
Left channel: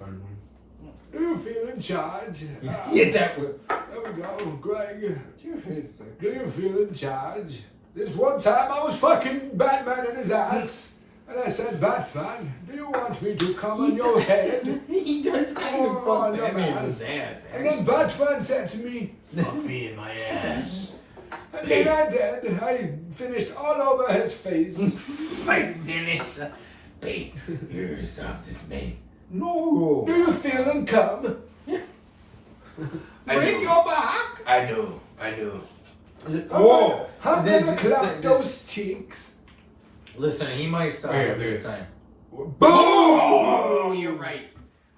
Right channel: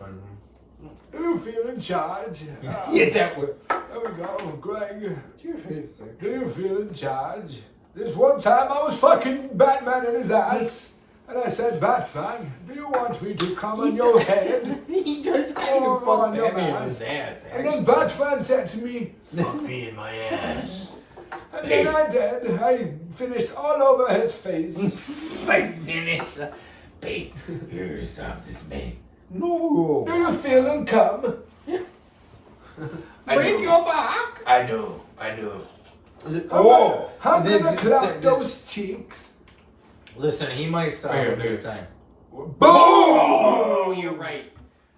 You feel in charge? Yeah, that would. There we go, Greg. Do you feel sick? Do you feel in charge? This one time I was fucking Batman in his ass. And I said, Batman, do you want me to come on your head? He does kind of fuck Batman in his ass, And then Batman said to me, fuck me in my ass. And then I did. I finished all over his face. I finished. Babe, here, stop this, babe. No. Do you feel and come? Break your back. I do. Oh, I'm gonna clap those cheeks. Listen, he might stop Here, this time. Boom! Oh, you're right.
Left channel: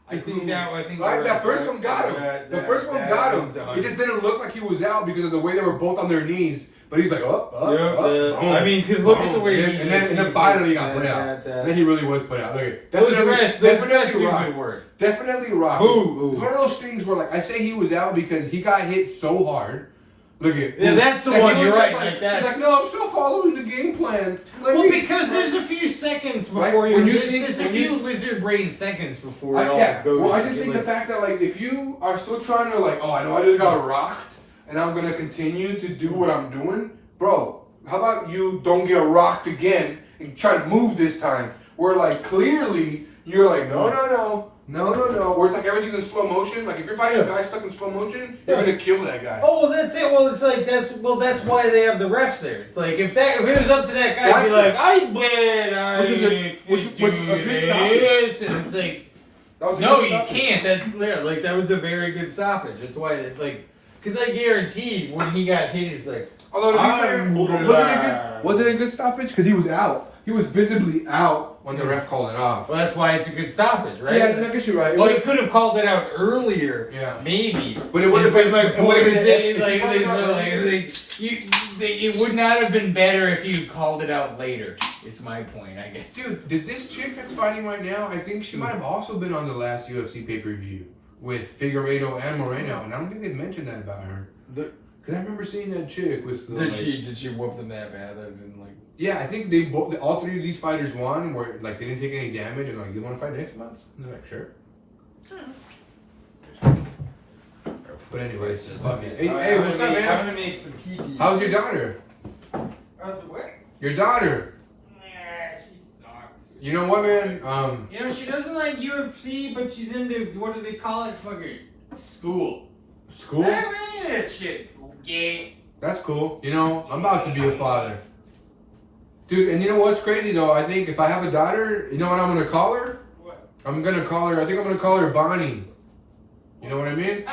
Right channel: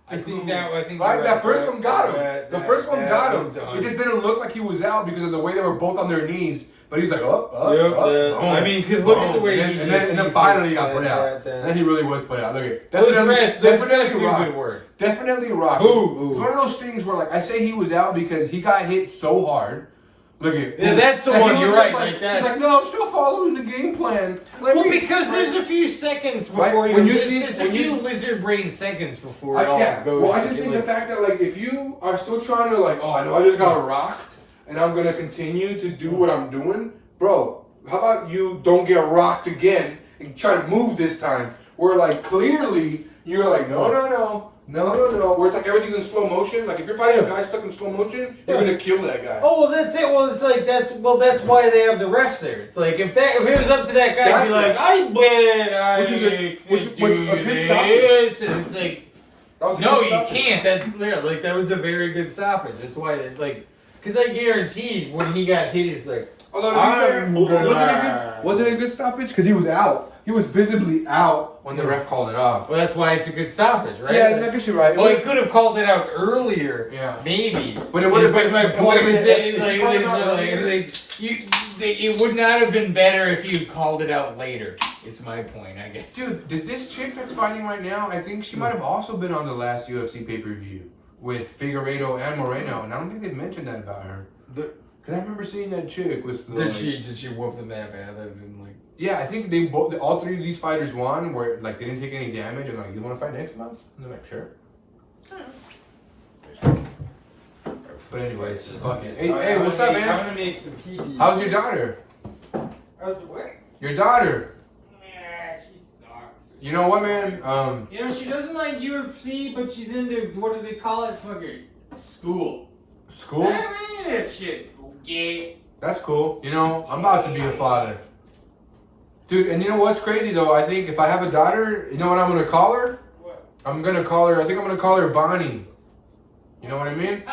I think right. you're That first one got him. The first one got him. done. It just didn't look like he was out because of the way they were both on their knees. But he's like, up. Boom. I mean, because look at the way and then finally he got put out. Then he really was put out. Look at Those definitely do rock. good work. Definitely rock. Ooh. It's one of those things where, like, I say he was out because he got hit so hard. Look at Yeah, that's the one. You're right. He's That's like, no, I'm still following the game plan. well, because there's a few seconds before Right? there's a few lizard brain seconds before it all goes. Well, I just think the fact that, like, if you are still trying to, like, oh, I know I just got rocked and I'm gonna continue to do what I'm doing, bro. How about you don't get rocked again and try to move this time? Where, like, clearly you're like, no. Where it's like everything's in slow motion. Like, if you're fighting a guy stuck in slow motion, you're gonna kill that guy. Oh, well, that's it. Well, it's like that's why they have the refs there. It's like if it was up to that guy, he'd be like, I bet Which is a good this, and it's like, no, you stoppage. can't. That was a very good stoppage. That's why because I guarantee when he got hit, it's like. Although, was it a good stoppage? Because he was out. He was visibly out when the ref called it off. Well, that's why it's a good stoppage, right? Yeah, I guess you're right. Well, he could have called it out earlier, maybe. But it would have been my point. It would not have been better if you called it out later. Is my point, I guess. Dude, did this chick that's fighting right now? I think she might have also been on the last UFC pay-per-view with Figueiredo and Moreno, and I don't think they mentioned that about her. Because I remember seeing that chick with the. Did she whoop them that bad? That didn't like. Yeah, I think all three of these fighters won, where like they didn't take any damage, and like, you want to fight next month? And they're like, sure. But anyways, fucking. Hey, what's up, man? I'm gonna make some pee. How's your daughter? How's what? Your daughter. Yeah, she sucks. You know what, man? She doesn't like UFC, but she's into what do they call it? Fucking school. School? I don't any of that shit. Yeah. That's cool. I'm about to be a father. Dude, and you know what's crazy though? I think if I have a daughter, you know what I'm gonna call her? What? I think I'm gonna call her Bonnie. You know what I mean?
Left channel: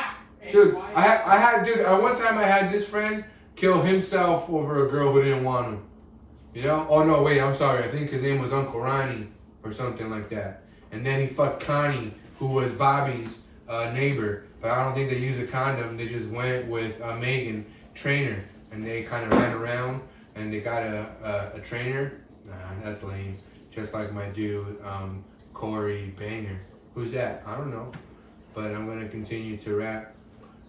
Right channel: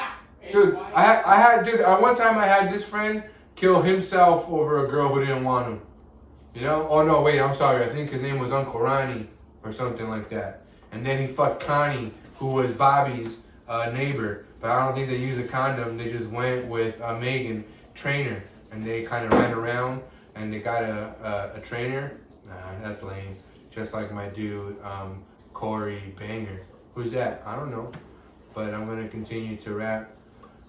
Dude, one time I had this friend kill himself over a girl who didn't want him. Oh no, wait, I'm sorry. I think his name was Uncle Ronnie or something like that. And then he fucked Connie, who was Bobby's neighbor. But I don't think they used a condom. They just went with Megan, trainer. And they kind of ran around and they got a trainer. Nah, that's lame. Just like my dude, Corey Banger. Who's that? I don't know. But I'm gonna continue to rap.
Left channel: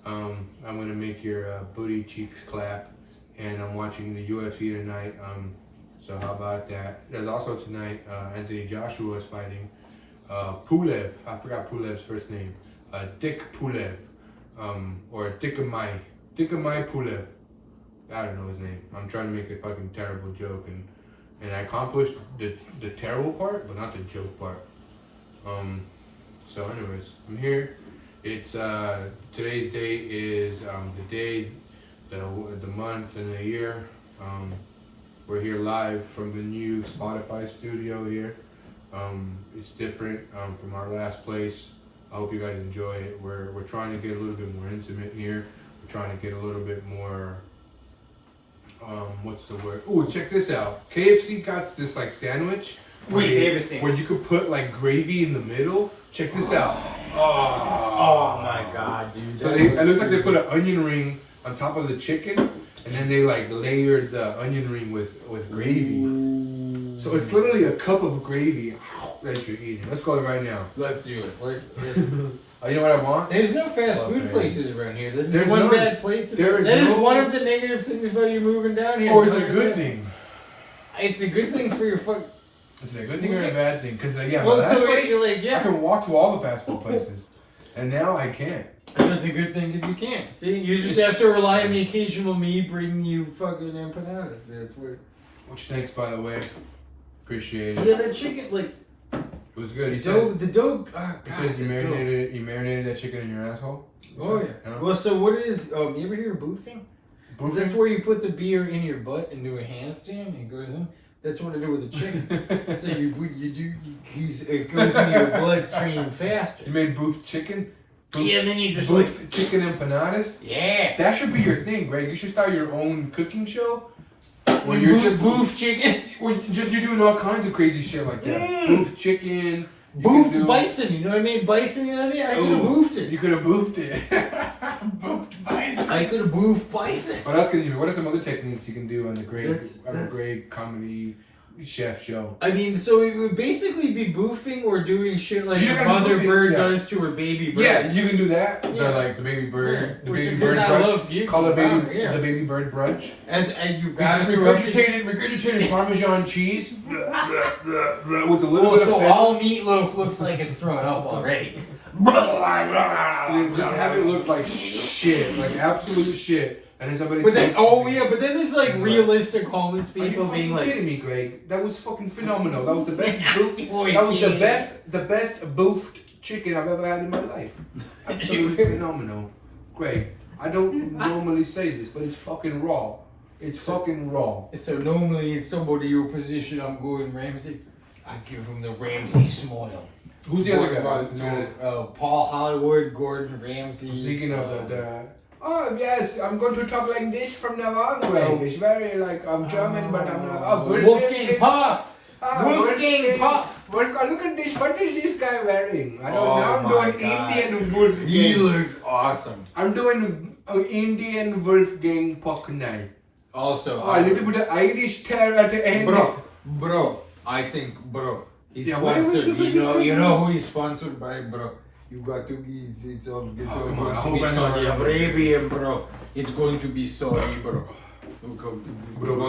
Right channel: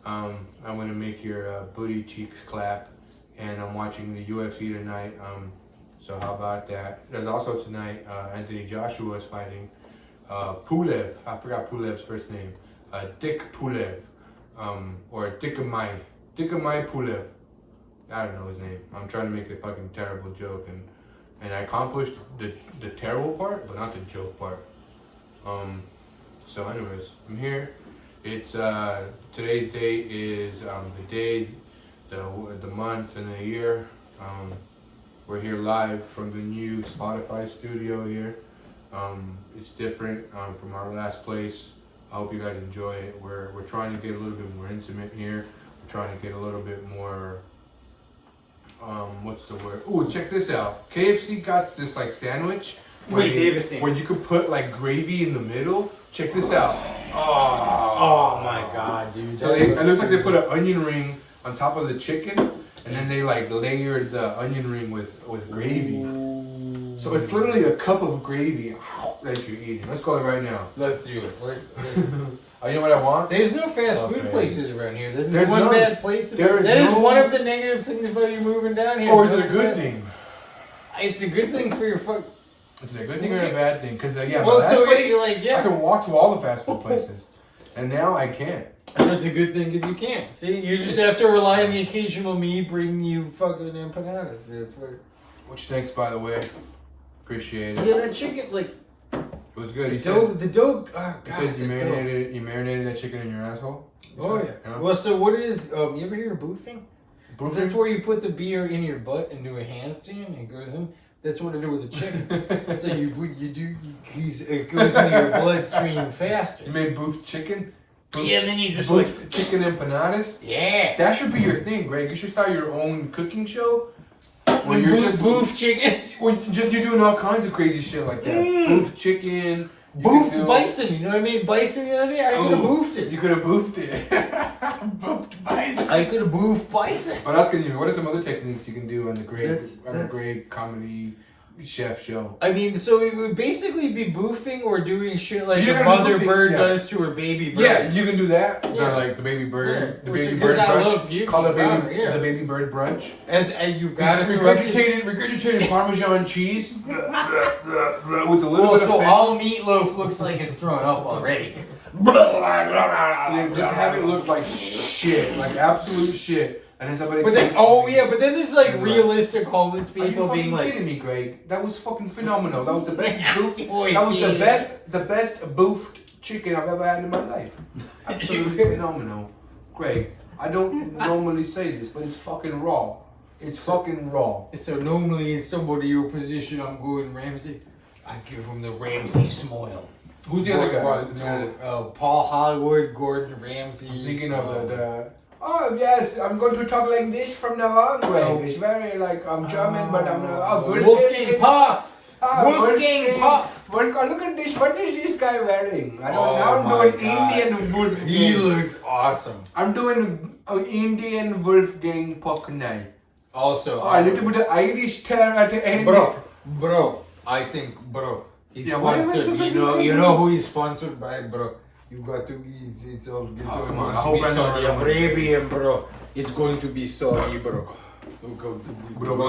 I'm gonna make your booty cheeks clap. And I'm watching the UFC tonight. So how about that? There's also tonight Anthony Joshua is fighting Pulev. I forgot Pulev's first name. Dick Pulev. Or Dickamai Pulev. I don't know his name. I'm trying to make a fucking terrible joke and I accomplished the terrible part, but not the joke part. So anyways, I'm here. It's today's date is the day, the month, and the year. We're here live from the new Spotify studio here. It's different from our last place. I hope you guys enjoy it. We're trying to get a little bit more intimate here. We're trying to get a little bit more. What's the word? Oh, check this out. KFC got this like sandwich where you could put like gravy in the middle. Check this out. Oh my god, dude. So it looks like they put an onion ring on top of the chicken, and then they like layered the onion ring with gravy. Ooh. So it's literally a cup of gravy that you're eating. Let's go right now. Let's do it. Oh, you know what I want? There's no fast food places around here. There's one bad place. That is one of the negative things about you moving down here. Or is it a good thing? It's a good thing for your fuck. Is it a good thing or a bad thing? Because well, so you're like, yeah, I can walk to all the fast food places, and now I can't. So it's a good thing because you can't. See, you just have to rely on the occasional me bringing you fucking empanadas. That's what. Which thanks, by the way. Appreciate it. Yeah, that chicken like. It was good. The dough. You marinated that chicken in your asshole. Oh yeah. Well, so what it is? You ever hear of boofing? That's where you put the beer in your butt and do a handstand and it goes in. That's what I do with the chicken. So it goes into your bloodstream faster. You made boofed chicken? Yeah, and then you just boofed chicken empanadas? Yeah. That should be your thing, Greg. You should start your own cooking show. Where you're just boof chicken. Or you're doing all kinds of crazy shit like that. Boof chicken. Boofed bison, you know what I mean? Bison the other day, I could have boofed it. You could have boofed it. Boofed bison. I could have boofed bison. What else can you do? What are some other techniques you can do on the great comedy chef show? I mean, so it would basically be boofing or doing shit like a mother bird does to her baby bird. Yeah, you can do that. Yeah. So like the baby bird, the baby bird brunch. Call it the baby bird brunch. As you've got to regurgitated Parmesan cheese with a little bit of so all meatloaf looks like it's thrown up already. Just have it look like shit, like absolute shit. And somebody but then there's like realistic homeless people being like, kidding me, Greg? That was fucking phenomenal. That was the best boofed. That was the best boofed chicken I've ever had in my life. Absolutely phenomenal, Greg. I don't normally say this, but it's fucking raw. It's fucking raw. So normally in somebody your position, I'm going Ramsey. I give him the Ramsey smile. Who's the other guy? Paul Hollywood, Gordon Ramsay. Speaking of the. Oh yes, I'm going to talk like this from now on, Greg. It's very like I'm German, but I'm not. Wolfgang Puff. Wolfgang Puff. Look at this. What is this guy wearing? I'm doing Indian Wolfgang. He looks awesome. I'm doing Indian Wolfgang Puck now. Also, a little bit of Irish tear at the end. Bro. I think, he's sponsored. You know who he's sponsored by, bro. You got to it's all going to be Saudi Arabian, bro. It's going to be Saudi, bro. Bro.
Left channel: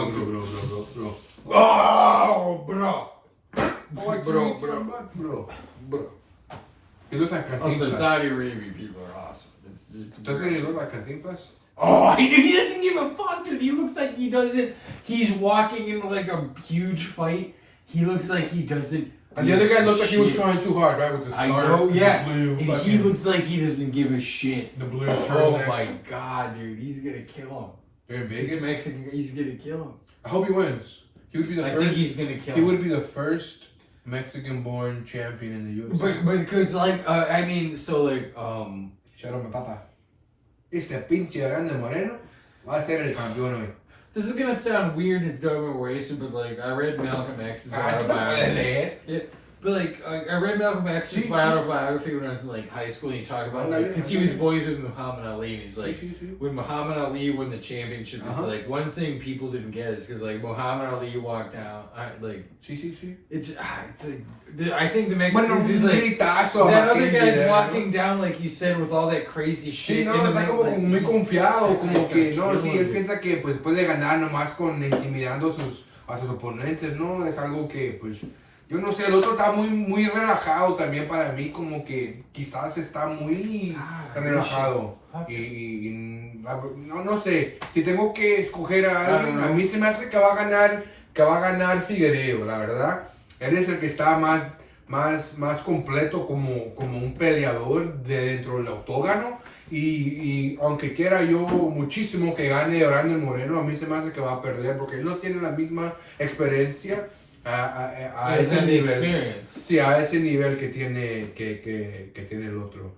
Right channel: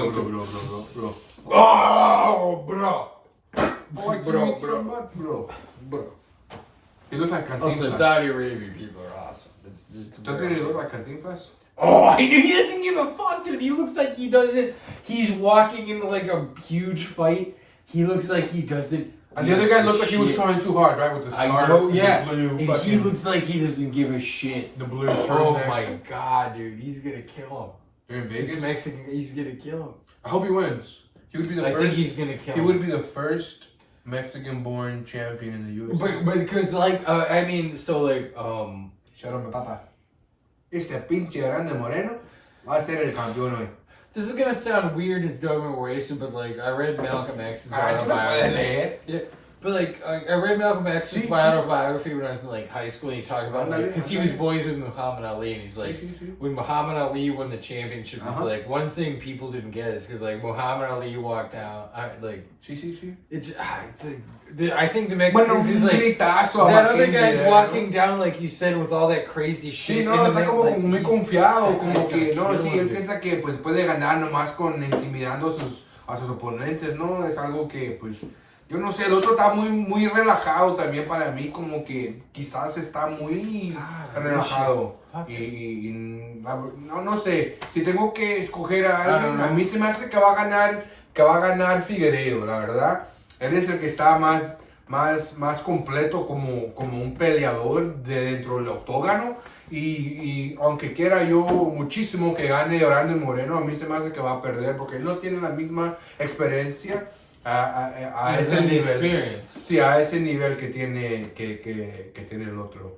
Oh, bro. Bro. He looks like Cantinflas. Also, Saudi Arabian people are awesome. Doesn't he look like Cantinflas? Oh, he doesn't give a fuck, dude. He looks like he doesn't. He's walking into like a huge fight. He looks like he doesn't. And the other guy looked like he was trying too hard, right? With the scarf. I know, yeah. The blue and he looks like he doesn't give a shit. The blue turtleneck. turtleneck. Oh my god, dude. He's gonna kill him. They're in Vegas? He's Mexican. He's gonna kill him. I hope he wins. He would be the first. I think he's gonna kill him. He would be the first Mexican-born champion in the UFC. But because Shout out my papa. Este pinche grande moreno va a ser el campeón hoy. This is gonna sound weird as dumb or racist, but like I read Malcolm X's autobiography. Yeah, But like, I read Malcolm X's autobiography when I was in like high school, and he talked about like, because he was boys with Muhammad Ali, and he's like, when Muhammad Ali won the championship, it's like one thing people didn't get is because like Muhammad Ali walked out, it's like, I think the Mexicans is like that other guy's walking down like you said with all that crazy shit. Sí, no, está como muy confiado, como que no, sí, él piensa que pues puede ganar nomás con intimidando a sus oponentes, ¿no? Es algo que pues yo no sé, el otro está muy relajado también para mí, como que quizás está muy relajado. Y no sé, si tengo que escoger a alguien, a mí se me hace que va a ganar Figueiredo, la verdad. Él es el que está más completo como un peleador de dentro del octógono. Y aunque quiera yo muchísimo que gane Orlando Moreno, a mí se me hace que va a perder porque él no tiene la misma experiencia a ese nivel. Sí, a ese nivel que tiene el otro.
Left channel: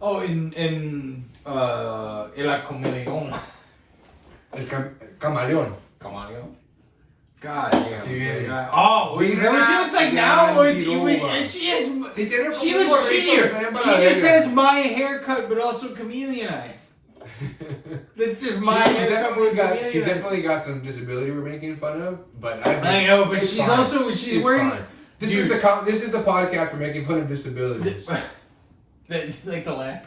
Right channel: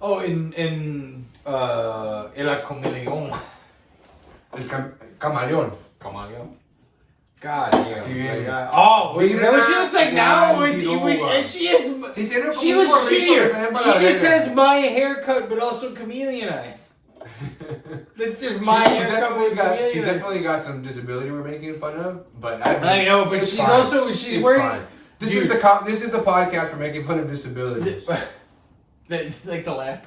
Oh, el camaleón. El camaleón. Camaleón. God damn. Oh, is that what she looks like now? And she looks shittier. She just has my haircut, but also chameleon eyes. It's just my haircut with chameleon eyes. She definitely got some disability we're making fun of, but I know, but she's wearing. This is the podcast for making fun of disabilities. Like the laugh.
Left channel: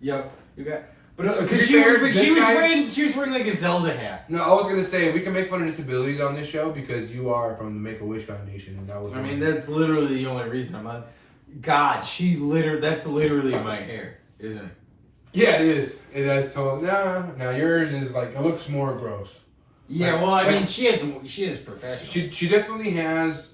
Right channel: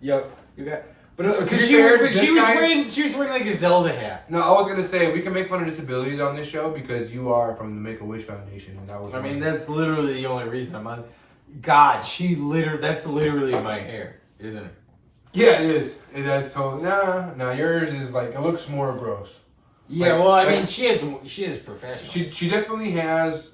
Yep, you got. But she was wearing like a Zelda hat. No, I was gonna say we can make fun of disabilities on this show because you are from the Make-A-Wish Foundation, and that was. I mean, that's literally the only reason I'm on. God, that's literally my hair, isn't it? Yeah, it is. It is. So now yours is like it looks more gross. Yeah, well, I mean, she is professional. She definitely has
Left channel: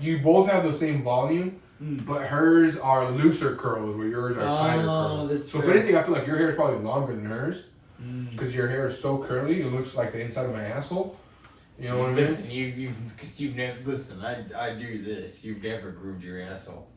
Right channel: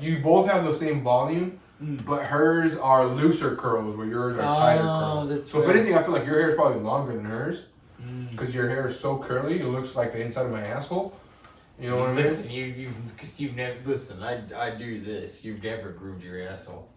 you both have the same volume. But hers are looser curls, where yours are tighter curls. That's so if anything, I feel like your hair is probably longer than hers, because your hair is so curly. It looks like the inside of my asshole. You know what I mean? Listen, you've never listen. I do this. You've never groomed your asshole.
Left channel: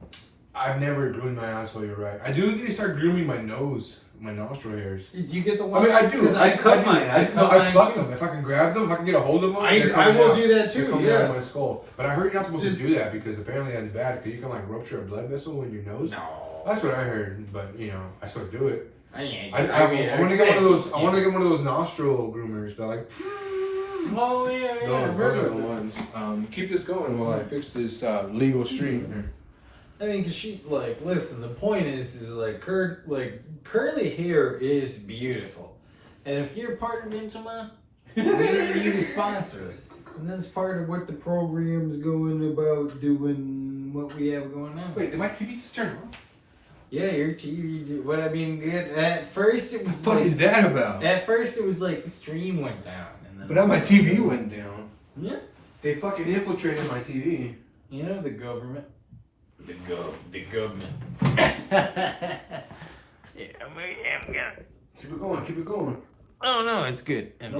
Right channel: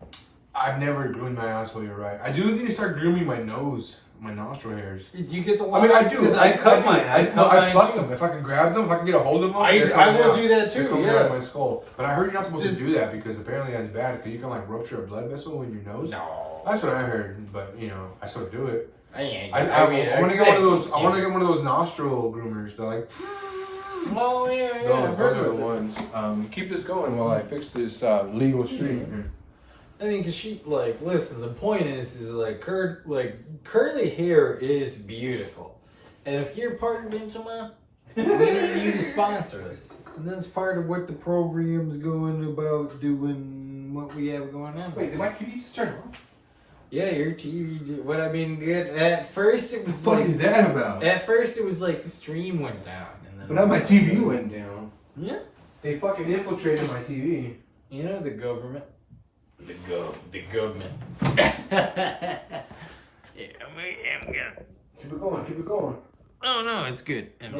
I've never groomed my asshole. You're right. I do need to start grooming my nose. My nostril hairs. Did you get the one? I mean, I do. I cut mine. I pluck them. If I can grab them, if I can get a hold of them, I will do that too. Come down my skull. But I heard you're not supposed to do that because apparently that's bad. Because you can rupture a blood vessel in your nose. No. That's what I heard. But I still do it. I want to get one of those. I want to get one of those nostril groomers. They're like. Oh yeah. Those are the ones. Keep this going while I fix this legal street. I mean, cause listen. The point is curly hair is beautiful, and if you're part of Intima, we need you to sponsor us, and that's part of what the program's going about doing. What we have going on. Wait, did my TV just turn off? Yeah, your TV. But I mean, at first it was. What is that about? At first it was like the stream went down, and then. But now my TV went down. Yeah. They fucking infiltrated my TV. You know the government. The government. Yeah, I'm gonna keep it going. Oh no, it's good. I'm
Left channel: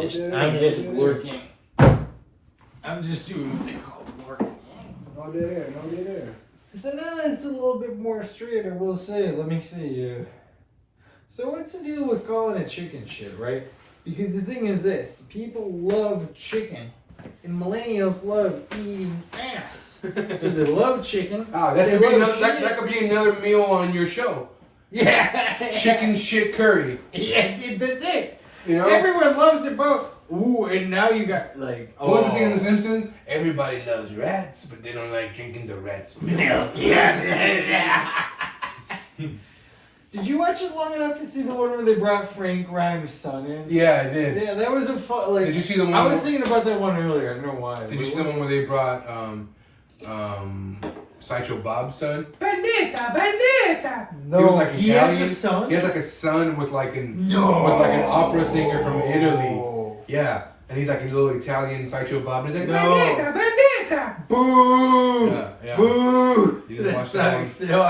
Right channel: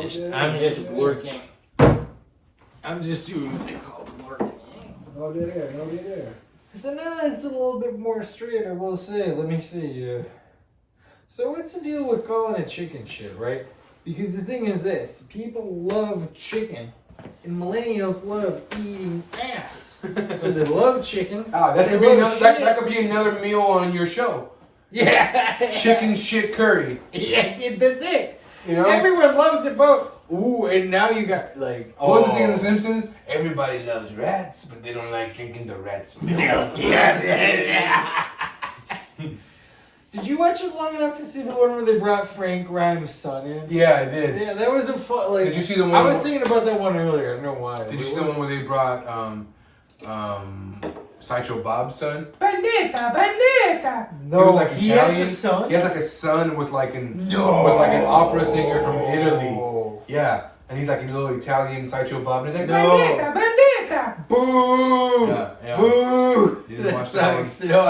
just working. I'm just doing what they call working. No there. So now it's a little bit more straight, I will say. Let me see. So what's the deal with calling it chicken shit, right? Because the thing is this: people love chicken, and millennials love eating ass. So they love chicken. Oh, that could be another meal on your show. Yeah. Chicken shit curry. Yeah, that's it. Everyone loves it, bro. Ooh, and now you got What's the thing in The Simpsons? Everybody loves rats, but they don't like drinking the rats' milk. Yeah. Did you watch it long enough to see the one where they brought Frank Grimes' son in? Yeah, I did. Yeah, that was a fun. Did you see the one? I was thinking about that one earlier. I don't know why. Did you see the one where they brought Sideshow Bob's son? Bandita! No, he has a son? He has a son with an opera singer from Italy. Yeah. And he's like a little Italian Sideshow Bob. And he's like, Bandita! Boo! Yeah. Boo! You didn't watch that one? No,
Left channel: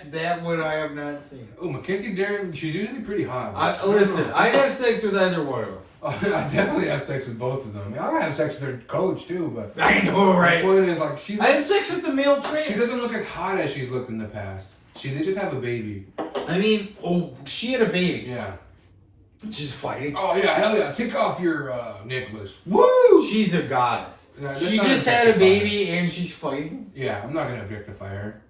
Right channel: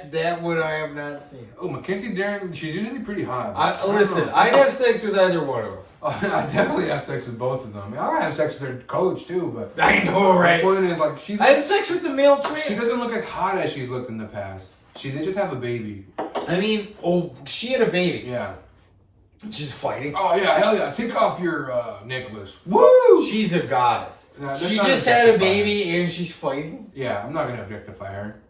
that one I have not seen. Oh, Mackenzie Darren, she's usually pretty hot. I'd have sex with either one of them. I definitely have sex with both of them. I mean, I have sex with her coach too, but I know, right? The point is, I have sex with the male trainer. She doesn't look as hot as she's looked in the past. They just have a baby. I mean, she had a baby. Yeah. She's fighting. Oh yeah, hell yeah! Take off your necklace. Woo! She's a goddess. No, she just had a baby and she's fighting. Yeah, I'm not gonna objectify her.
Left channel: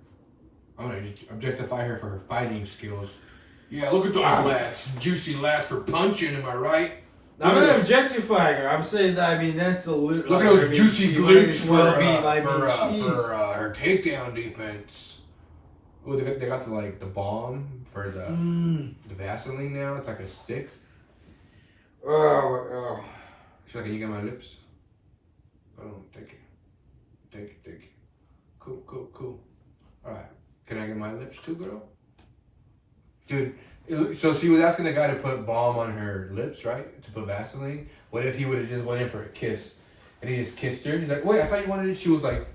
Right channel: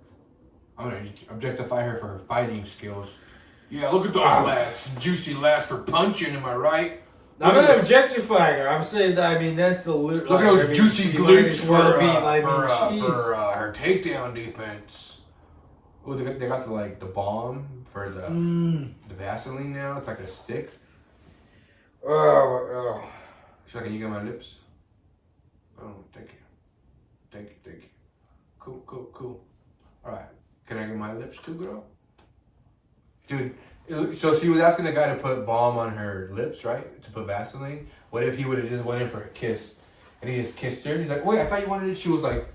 I'm gonna objectify her for her fighting skills. Yeah, look at those lats, juicy lats for punching. Am I right? I'm not objectifying her. I'm saying that. I mean, that's a little. Look at those juicy glutes for her takedown defense. Oh, they got the balm for the Vaseline now. It's like a stick. Oh. So can you get my lips? Oh, thank you. Cool. All right, can I get my lips too, girl? Dude, so she was asking the guy to put balm on her lips, right? To put Vaseline. What if he would have just went in for a kiss, and he just kissed her? He's like, wait, I thought you wanted it. She was like,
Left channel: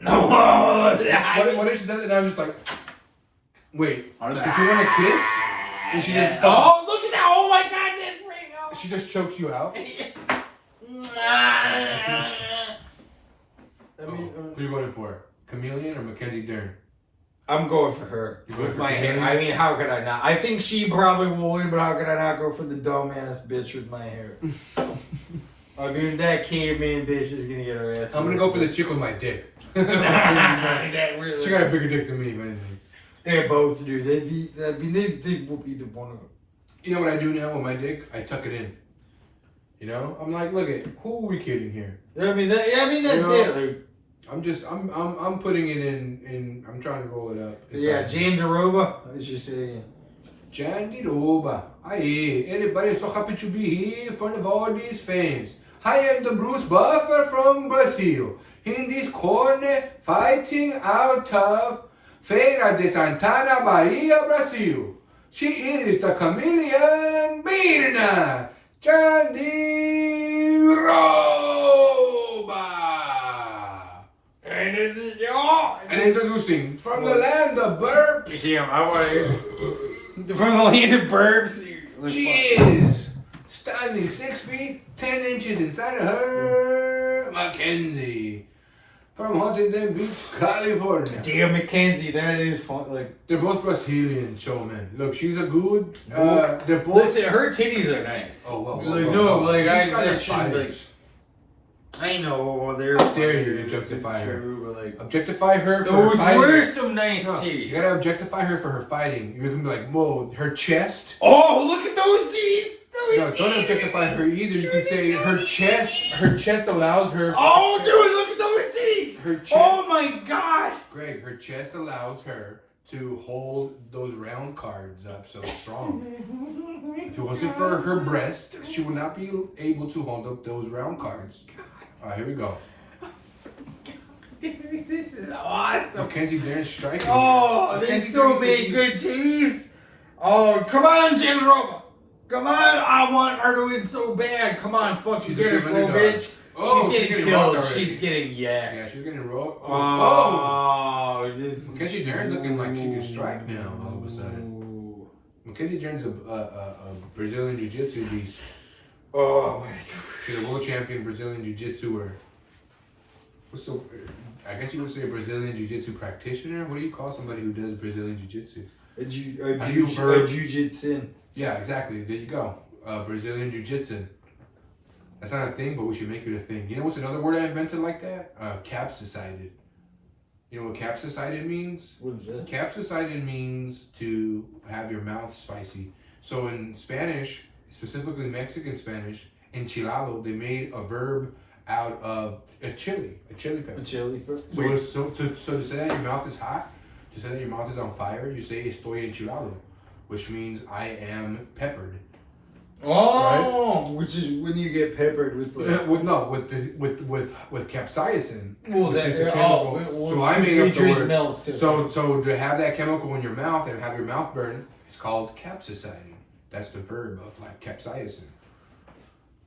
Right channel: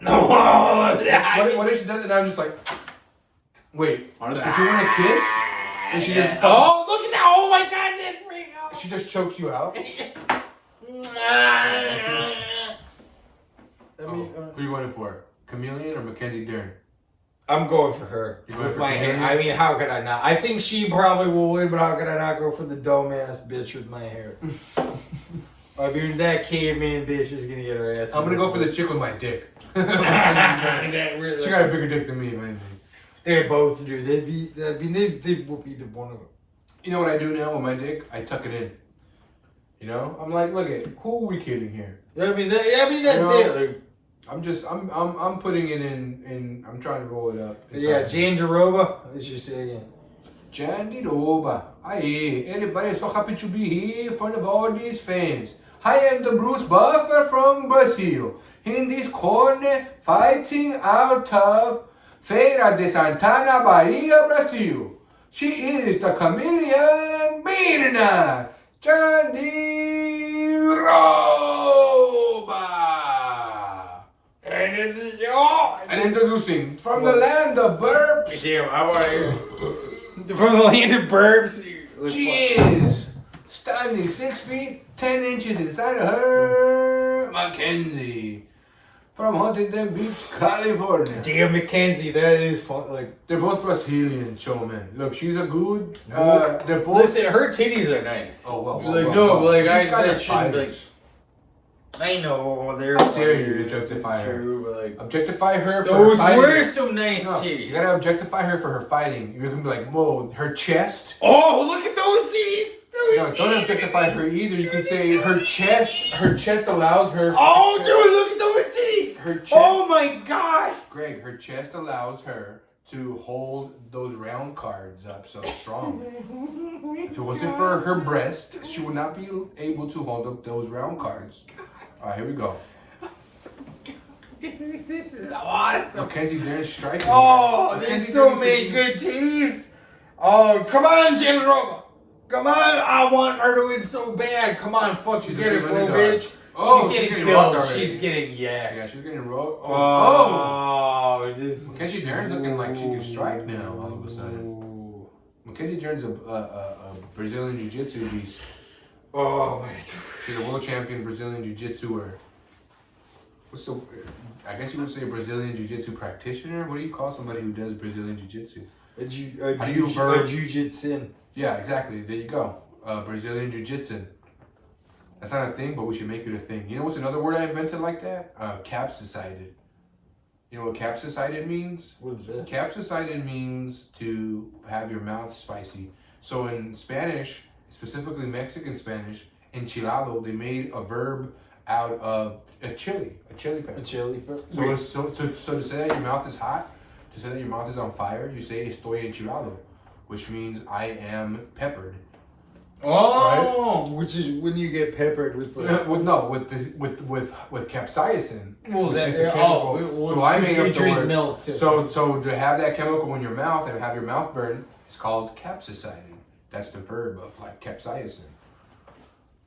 no. What if she does it? And I'm just like, wait, did you want a kiss? And she just, oh, look at that! Oh my God, that ring! Oh. She just chokes you out. Who are you voting for? Chameleon or Mackenzie Dern? I'm going for her. With my hair. I mean, how could I not? I think she probably will win, but how could I not go for the dumbass bitch with my hair? I mean, that caveman bitch is gonna get her ass. I'm gonna go for the chick with my dick. She got a bigger dick than me, man. They both do. They will be the one of them. You know what I do now with my dick? I tuck it in. You know, I'm like, look at who are we kidding here? I mean, that's it. Like, I'm putting it in. I'm trying to roll it up. Yeah, Jandaroba. Let's just say it again. Jandaroba. Aye, everybody so happy to be here in front of all these fans. I am the Bruce Buffer from Brazil. In this corner, fighting out of Feira de Santana, Bahia, Brazil. She is the chameleon Birna Jandaroba. And introducing from the land of burps. Yeah, I want from the land of burps. She is standing 6 feet 10 inches inside of her, Mackenzie, from Huntington Beach, California. Damn, Mackenzie, that is fun. Like they're both Brazilian showmen. Look, she's a good. They're both. Listen, her titties are nice. Oh well. I know they're. How dare you objectify her? But like, objectify her for those her fighting. were some nice titties. You gotta objectify her for her fighting. You're gonna be like, whoa, her chest. Oh, look at those titties. No, don't objectify her either. You could say her chest. Her chest allows her. Oh, dude, look at those titties. Her chest. Oh my God. Greg, her chest allows her to hold those round cards up so strong. If it wasn't for her breast, she would not be able to hold up those round cards. All right, here we go. This is awesome. Mackenzie Dern's striking. Oh, there's so many good titties. Oh, come on, Jen Roma. Come on. I want her to win so bad. Come on, fuck you, get her, bro, bitch. Oh, she's getting killed. She's getting yacked. Yeah, she's getting rolled. Oh, this Mackenzie Dern's looking like she can strike now all of a sudden. Mackenzie Dern's a Brazilian Jiu-Jitsu beast. Oh, wait. She's a world champion Brazilian Jiu-Jitsuer. I guess you would say a Brazilian Jiu-Jitsu practitioner. What do you call somebody who does Brazilian Jiu-Jitsu? A Jiu-Jitsu. Yeah, exactly. There you go. Brazilian Jiu-Jitsu. That's not a thing, but we should make it a thing. You know what's another word I invented like that? Capsacided. You know what capsacided means? What is that? Capsacided means to have your mouth spicy. So in Spanish, specifically Mexican Spanish, enchilado, they made a verb out of a chili pepper. A chili pepper? So to say that your mouth is hot, to say that your mouth is on fire, you say estoy enchilado, which means I am peppered. Oh, right? Which is when you get peppered with like with capsaicin. Well, that's the chemical. So I made up the word. Milk too. So to have that chemical in your mouth and have your mouth burn, it's called capsaicin. That's the verb of like capsaicin.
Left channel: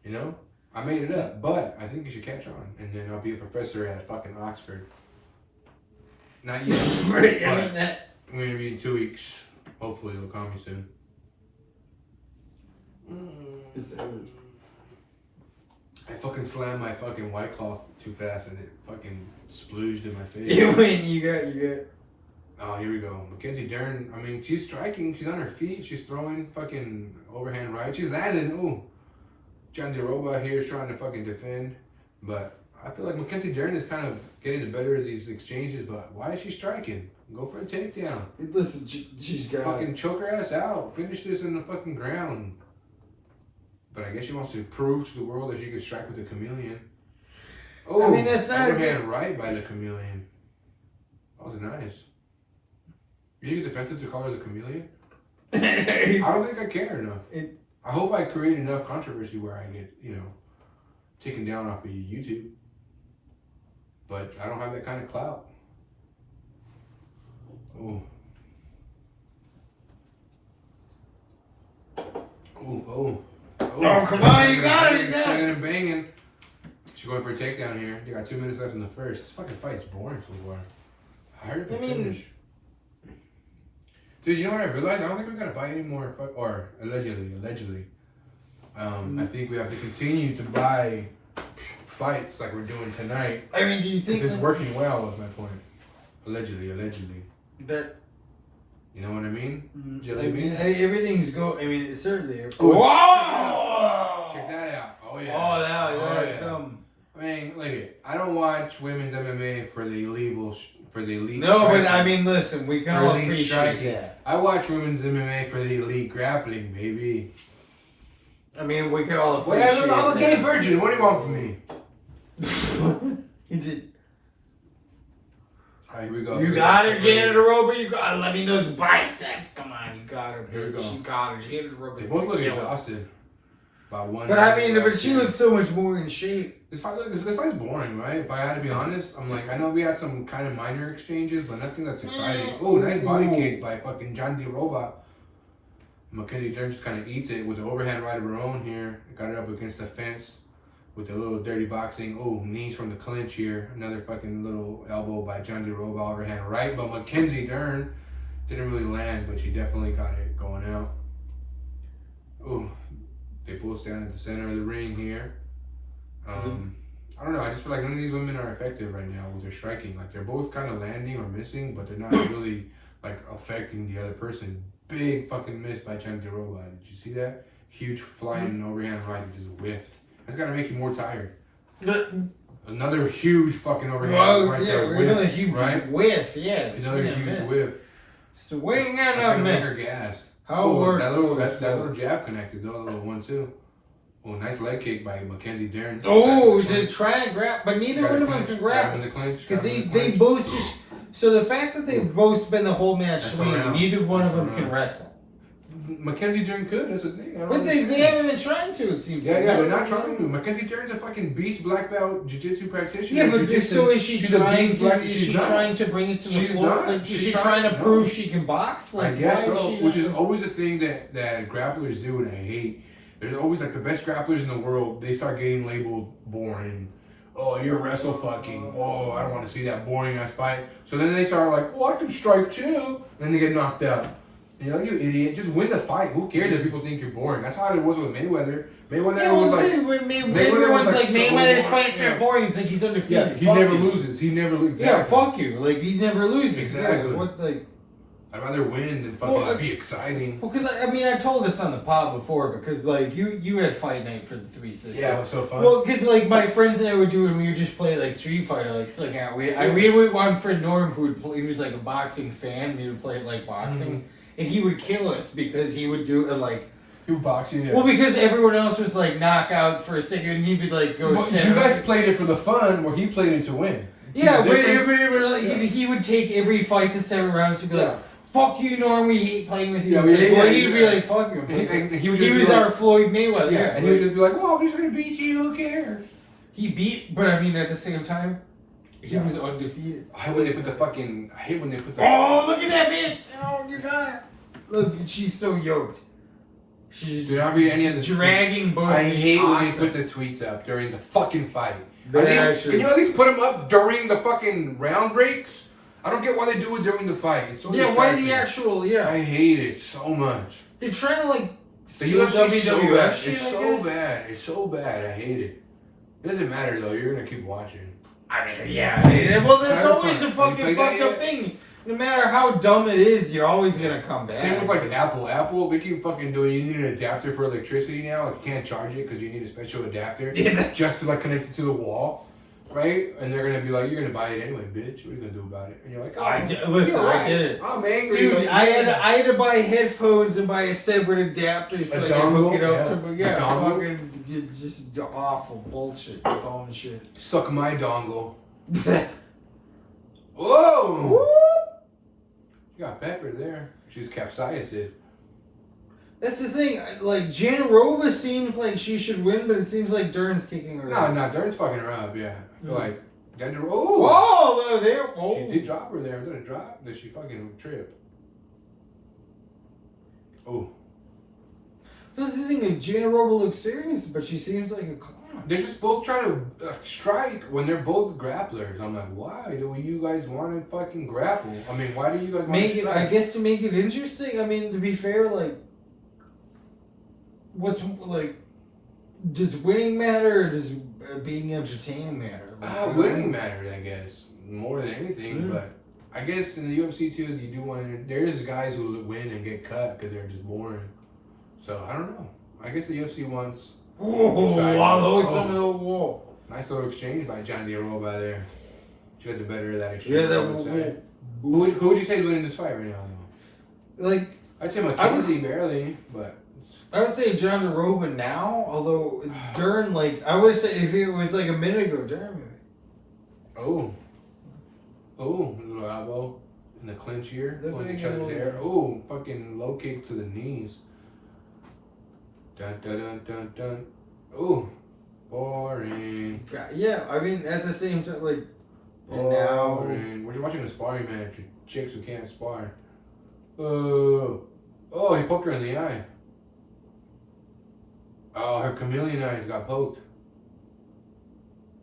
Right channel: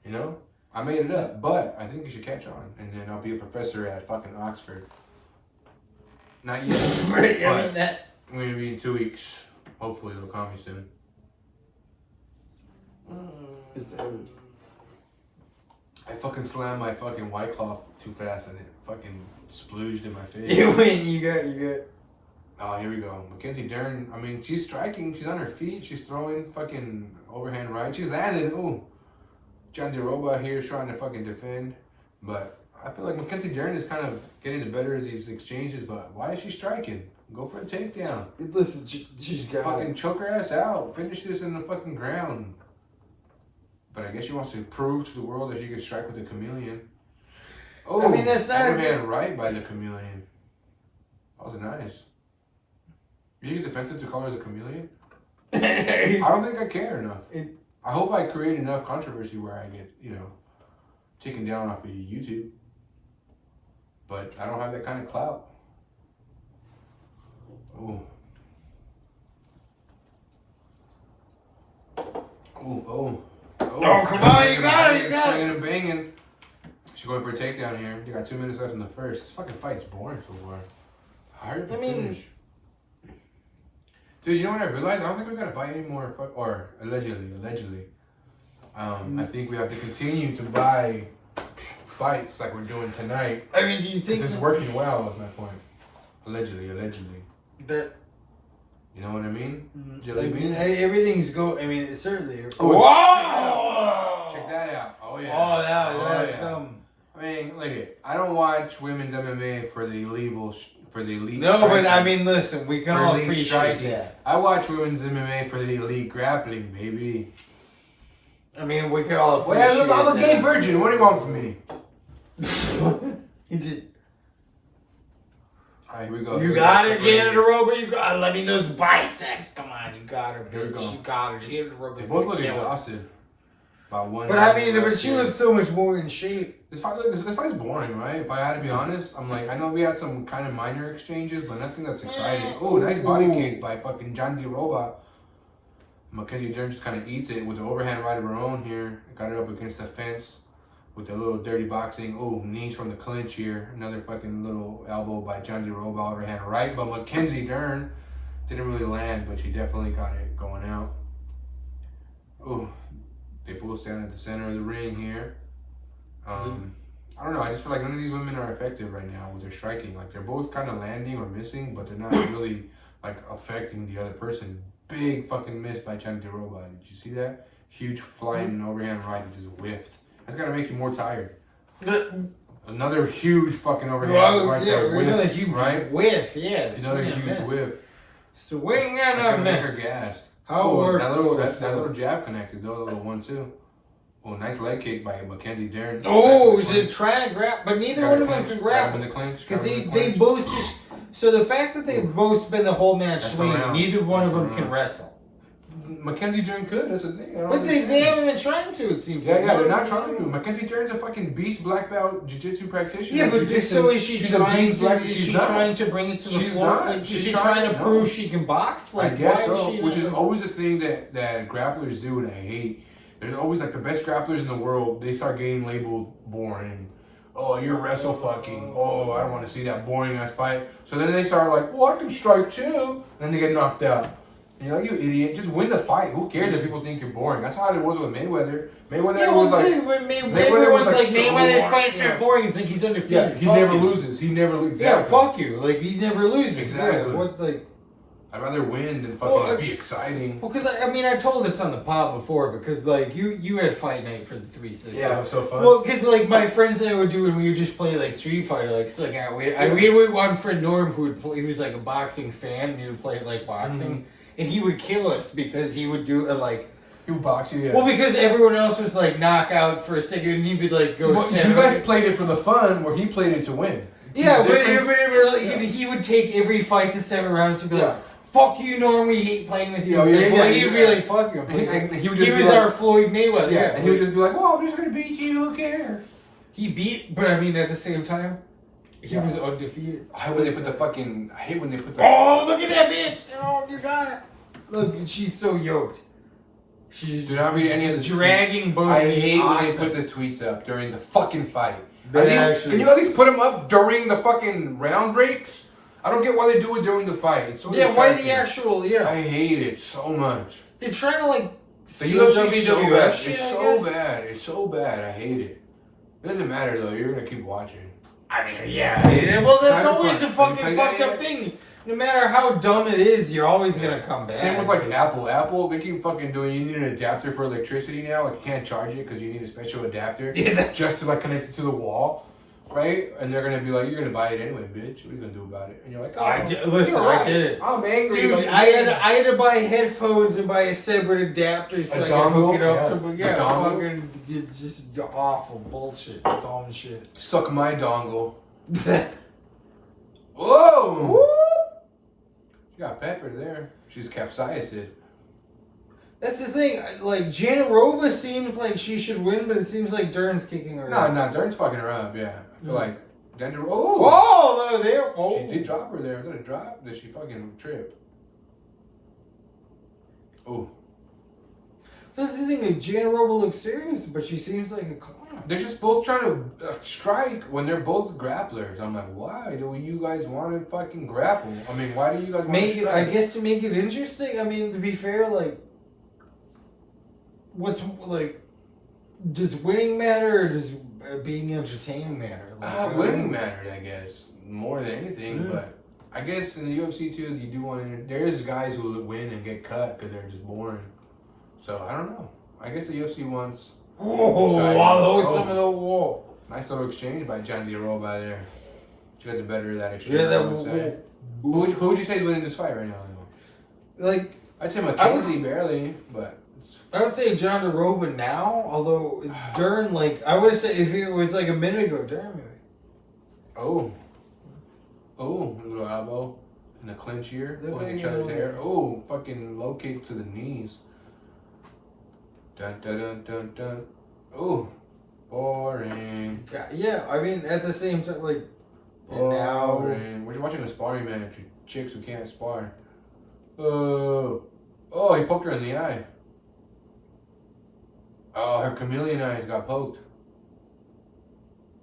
You know, I made it up, but I think you should catch on, and then I'll be a professor at fucking Oxford. Not yet. Right, I mean that. Maybe in 2 weeks. Hopefully they'll call me soon. I fucking slammed my fucking White Cloth too fast and it fucking splooged in my face. You got. Oh, here we go. Mackenzie Dern. I mean, she's striking. She's on her feet. She's throwing fucking overhand right. She's landing. Ooh. John DeRoba here is trying to fucking defend. But I feel like Mackenzie Dern is kind of getting the better of these exchanges. But why is she striking? Go for a takedown. Listen, she's got fucking choke her ass out. Finish this in the fucking ground. But I guess she wants to prove to the world that she can strike with the chameleon. Oh, I mean, that's not overhand right by the chameleon. That was nice. You think it's offensive to call her the chameleon? I don't think I care enough. I hope I create enough controversy where I get, taken down off of YouTube. But I don't have that kind of clout. Oh. Oh, come on, you got it, Singing and banging. She's going for a takedown here. You got 2 minutes left in the first. This fucking fight's boring so far. Hard to finish. Dude, you know what I realized? I don't think we gotta buy any more, or allegedly. I think we have to continue to buy fights like we're doing tonight. I mean, do you think it's working well? Is my point. Allegedly. That. You know what I mean? Everything's it's certainly. Whoa! Check that out. Oh yeah. Oh, that's I mean, look it. I don't watch women's MMA for the elite. No, striking. But I mean, listen, we can all appreciate striking. that. I watch women's MMA for the elite grappling, baby. I mean, we can all appreciate that. I'm a gay virgin. What do you want from me? He did. All right, here we go. You got her, Janet Aroba. You got. Let me those biceps. Come on, you got her, bitch. You got her. Janet Aroba. They both look exhausted. By one. But I mean, she looks so much more in shape. This fight's boring, right? If I had to be honest, I'm like, I know we had some kind of minor exchanges, but nothing that's exciting. Oh, nice body kick by fucking John DeRoba. Mackenzie Dern just kind of eats it with the overhand right of her own here. Got it up against the fence with a little dirty boxing. Oh, knees from the clinch here. Another fucking little elbow by John DeRoba, overhand right. But Mackenzie Dern didn't really land, but she definitely got it going out. Oh, they both stand at the center of the ring here. I don't know. I just feel like none of these women are effective right now with their striking. Like, they're both kind of landing or missing, but they're not really like affecting the other person. Big fucking miss by John DeRoba. Did you see that? Huge flying overhand right that just whiffed. That's gotta make you more tired. Another huge fucking overhand right there. Another huge whiff. Yeah, another huge whiff. Swing and a miss. Her gassed. That little jab connected though, a little 1-2. Oh, nice leg kick by Mackenzie Dern. Oh, is it trying to grab? But neither one of them can grab. Because they both just. So the fact that they've both spent the whole match swinging, neither one of them can wrestle. Mackenzie Dern could, that's the thing. But they haven't been trying to, it seems. Yeah, they're not trying to. Mackenzie Dern's a fucking beast black belt jiu-jitsu practitioner. Yeah, but so is she trying to? Is she trying to bring it to the floor? Like, is she trying to prove she can box? Like, I guess so. Which is always a thing that grapplers do, and I hate. There's always like the best grapplers in the world. They start getting labeled boring. Oh, you're wrestle fucking. Oh, I don't want to see that boring ass fight. So then they start like, well, I can strike too. Then they get knocked out. And you're like, you idiot. Just win the fight. Who cares if people think you're boring? That's how it was with Mayweather. Mayweather's like Mayweather's fights are boring. It's like he's undefeated. Yeah, he never loses. Exactly. Yeah, fuck you. Like, he never loses. Exactly. Yeah, I'd rather win than fucking be exciting. Well, because I told this on the pod before, because like you had fight night for the 360. Yeah, it was so fun. Well, because like my friends and I would do when we would just play like Street Fighter, we had one friend Norm who would play. He was like a boxing fan. And he would play like boxing, and he would kill us because he would do He would box you. Yeah. Well, because everyone else was like knockout for a second, and he would like go. But you guys played it for the fun, where he played it to win. Yeah, he would take every fight to 7 rounds and be like. Fuck you, Norm. We hate playing with you. He'd be like, fuck you. He was our Floyd Mayweather. Yeah, and he would just be like, well, I'm just going to beat you. Who cares? He beat, but I mean, at the same time, he was undefeated. I hate when they put the... Oh, look at that bitch. Oh, you got it. Look, she's so yoked. She's do not read any of the dragging both. I hate when they put the tweets up during the fucking fight. Can you at least put them up during the fucking round breaks? I don't get why they do it during the fight. It's so why the actual, I hate it so much. They're trying to like the UFC WWF shit. It's so bad. It's so bad. I hate it. It doesn't matter though. You're gonna keep watching. I mean, yeah. Well, that's always a fucking fucked up thing. No matter how dumb it is, you're always gonna come back. Same with like Apple, they keep fucking doing. You need an adapter for electricity now. Like you can't charge it because you need a special adapter just to like connect it to the wall, right? And they're gonna be like, "You're gonna buy it anyway, bitch. What are you gonna do about it?" And you're like, "Oh, I did it. I'm angry, dude. I had to buy headphones and buy a separate adapter so I can hook it up to. Yeah, fucking it's just awful bullshit, dumb shit. Suck my dongle. Whoa. Woo! You got pepper there. She's capsized it. That's the thing. Like Janarova seems like she should win, but it seems like Dern's kicking her. No, Dern's fucking her up. Yeah, I feel like Dender. Oh, there. Oh, she did drop her there. Did it drop? Did she fucking trip? Oh. This is the thing. Like Janarova looks serious, but she seems like a clown. They're just both trying to strike when they're both grapplers. I'm like, why do you guys want to fucking grapple? I mean, why do you guys make it? I guess to make it interesting. I mean, to be fair, like, what's like, does winning matter or does being entertaining matter? Like, winning matters, I guess, more than anything. Yeah. But I guess in the UFC too, you do want to. There's guys who win and get cut because they're just boring. So I don't know. I guess the UFC wants. Oh, wow, some of the wall. Nice little exchange by John Diarova there. She got the better of that exchange. Yeah, that was. Who would you say is winning this fight right now? Like, I'd say McKenzie barely, but. I would say John Diarova now, although Dern, like, I would say if it was like a minute ago, Dern maybe. Oh, a little elbow in the clinch here. Each other's hair. Oh, fucking low kick to the knees. Dun dun dun dun dun. Ooh, boring. Yeah, I mean at the same time, like, boring. We're watching a sparring match with chicks who can't spar. Oh, he poked her in the eye. Oh, her chameleon eyes got poked.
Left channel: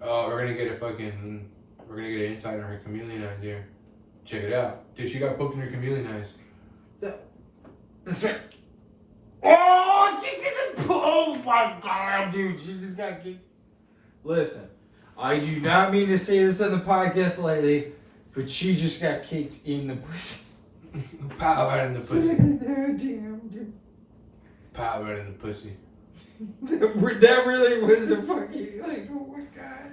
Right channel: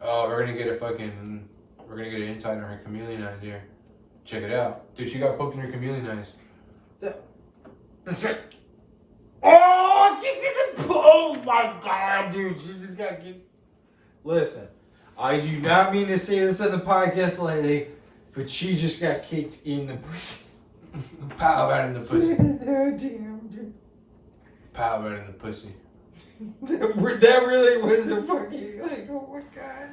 Oh, we're gonna get an insight on her chameleon eyes here. Check it out, dude. She got poked in her chameleon eyes. That's right. Oh, she did the. Oh my god, dude. She just got kicked. Listen, I do not mean to say this on the podcast lately, but she just got kicked in the pussy. Pow right in the pussy. Damn, dude. Pow right in the pussy. That really was a fucking, like, oh my god.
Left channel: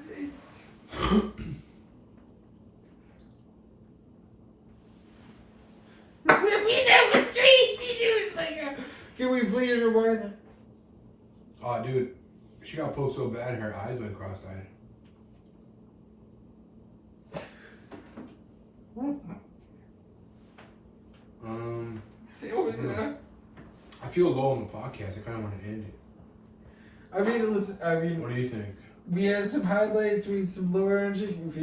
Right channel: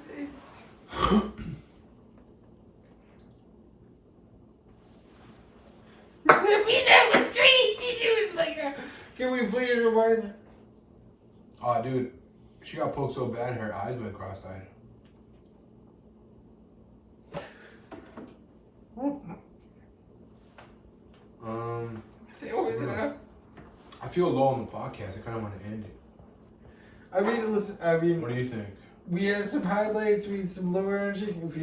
I mean, that was crazy, dude. Like, can we please rewind that? Oh, dude. She got poked so bad, her eyes went cross-eyed. I feel low on the podcast. I kind of want to end it. I mean, listen. What do you think? We had some highlights. We had some low energy. If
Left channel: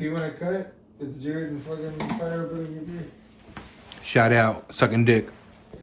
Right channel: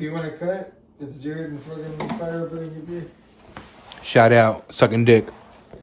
you want to cut it, it's Jared and fucking fire up in your beer. Shout out, sucking dick.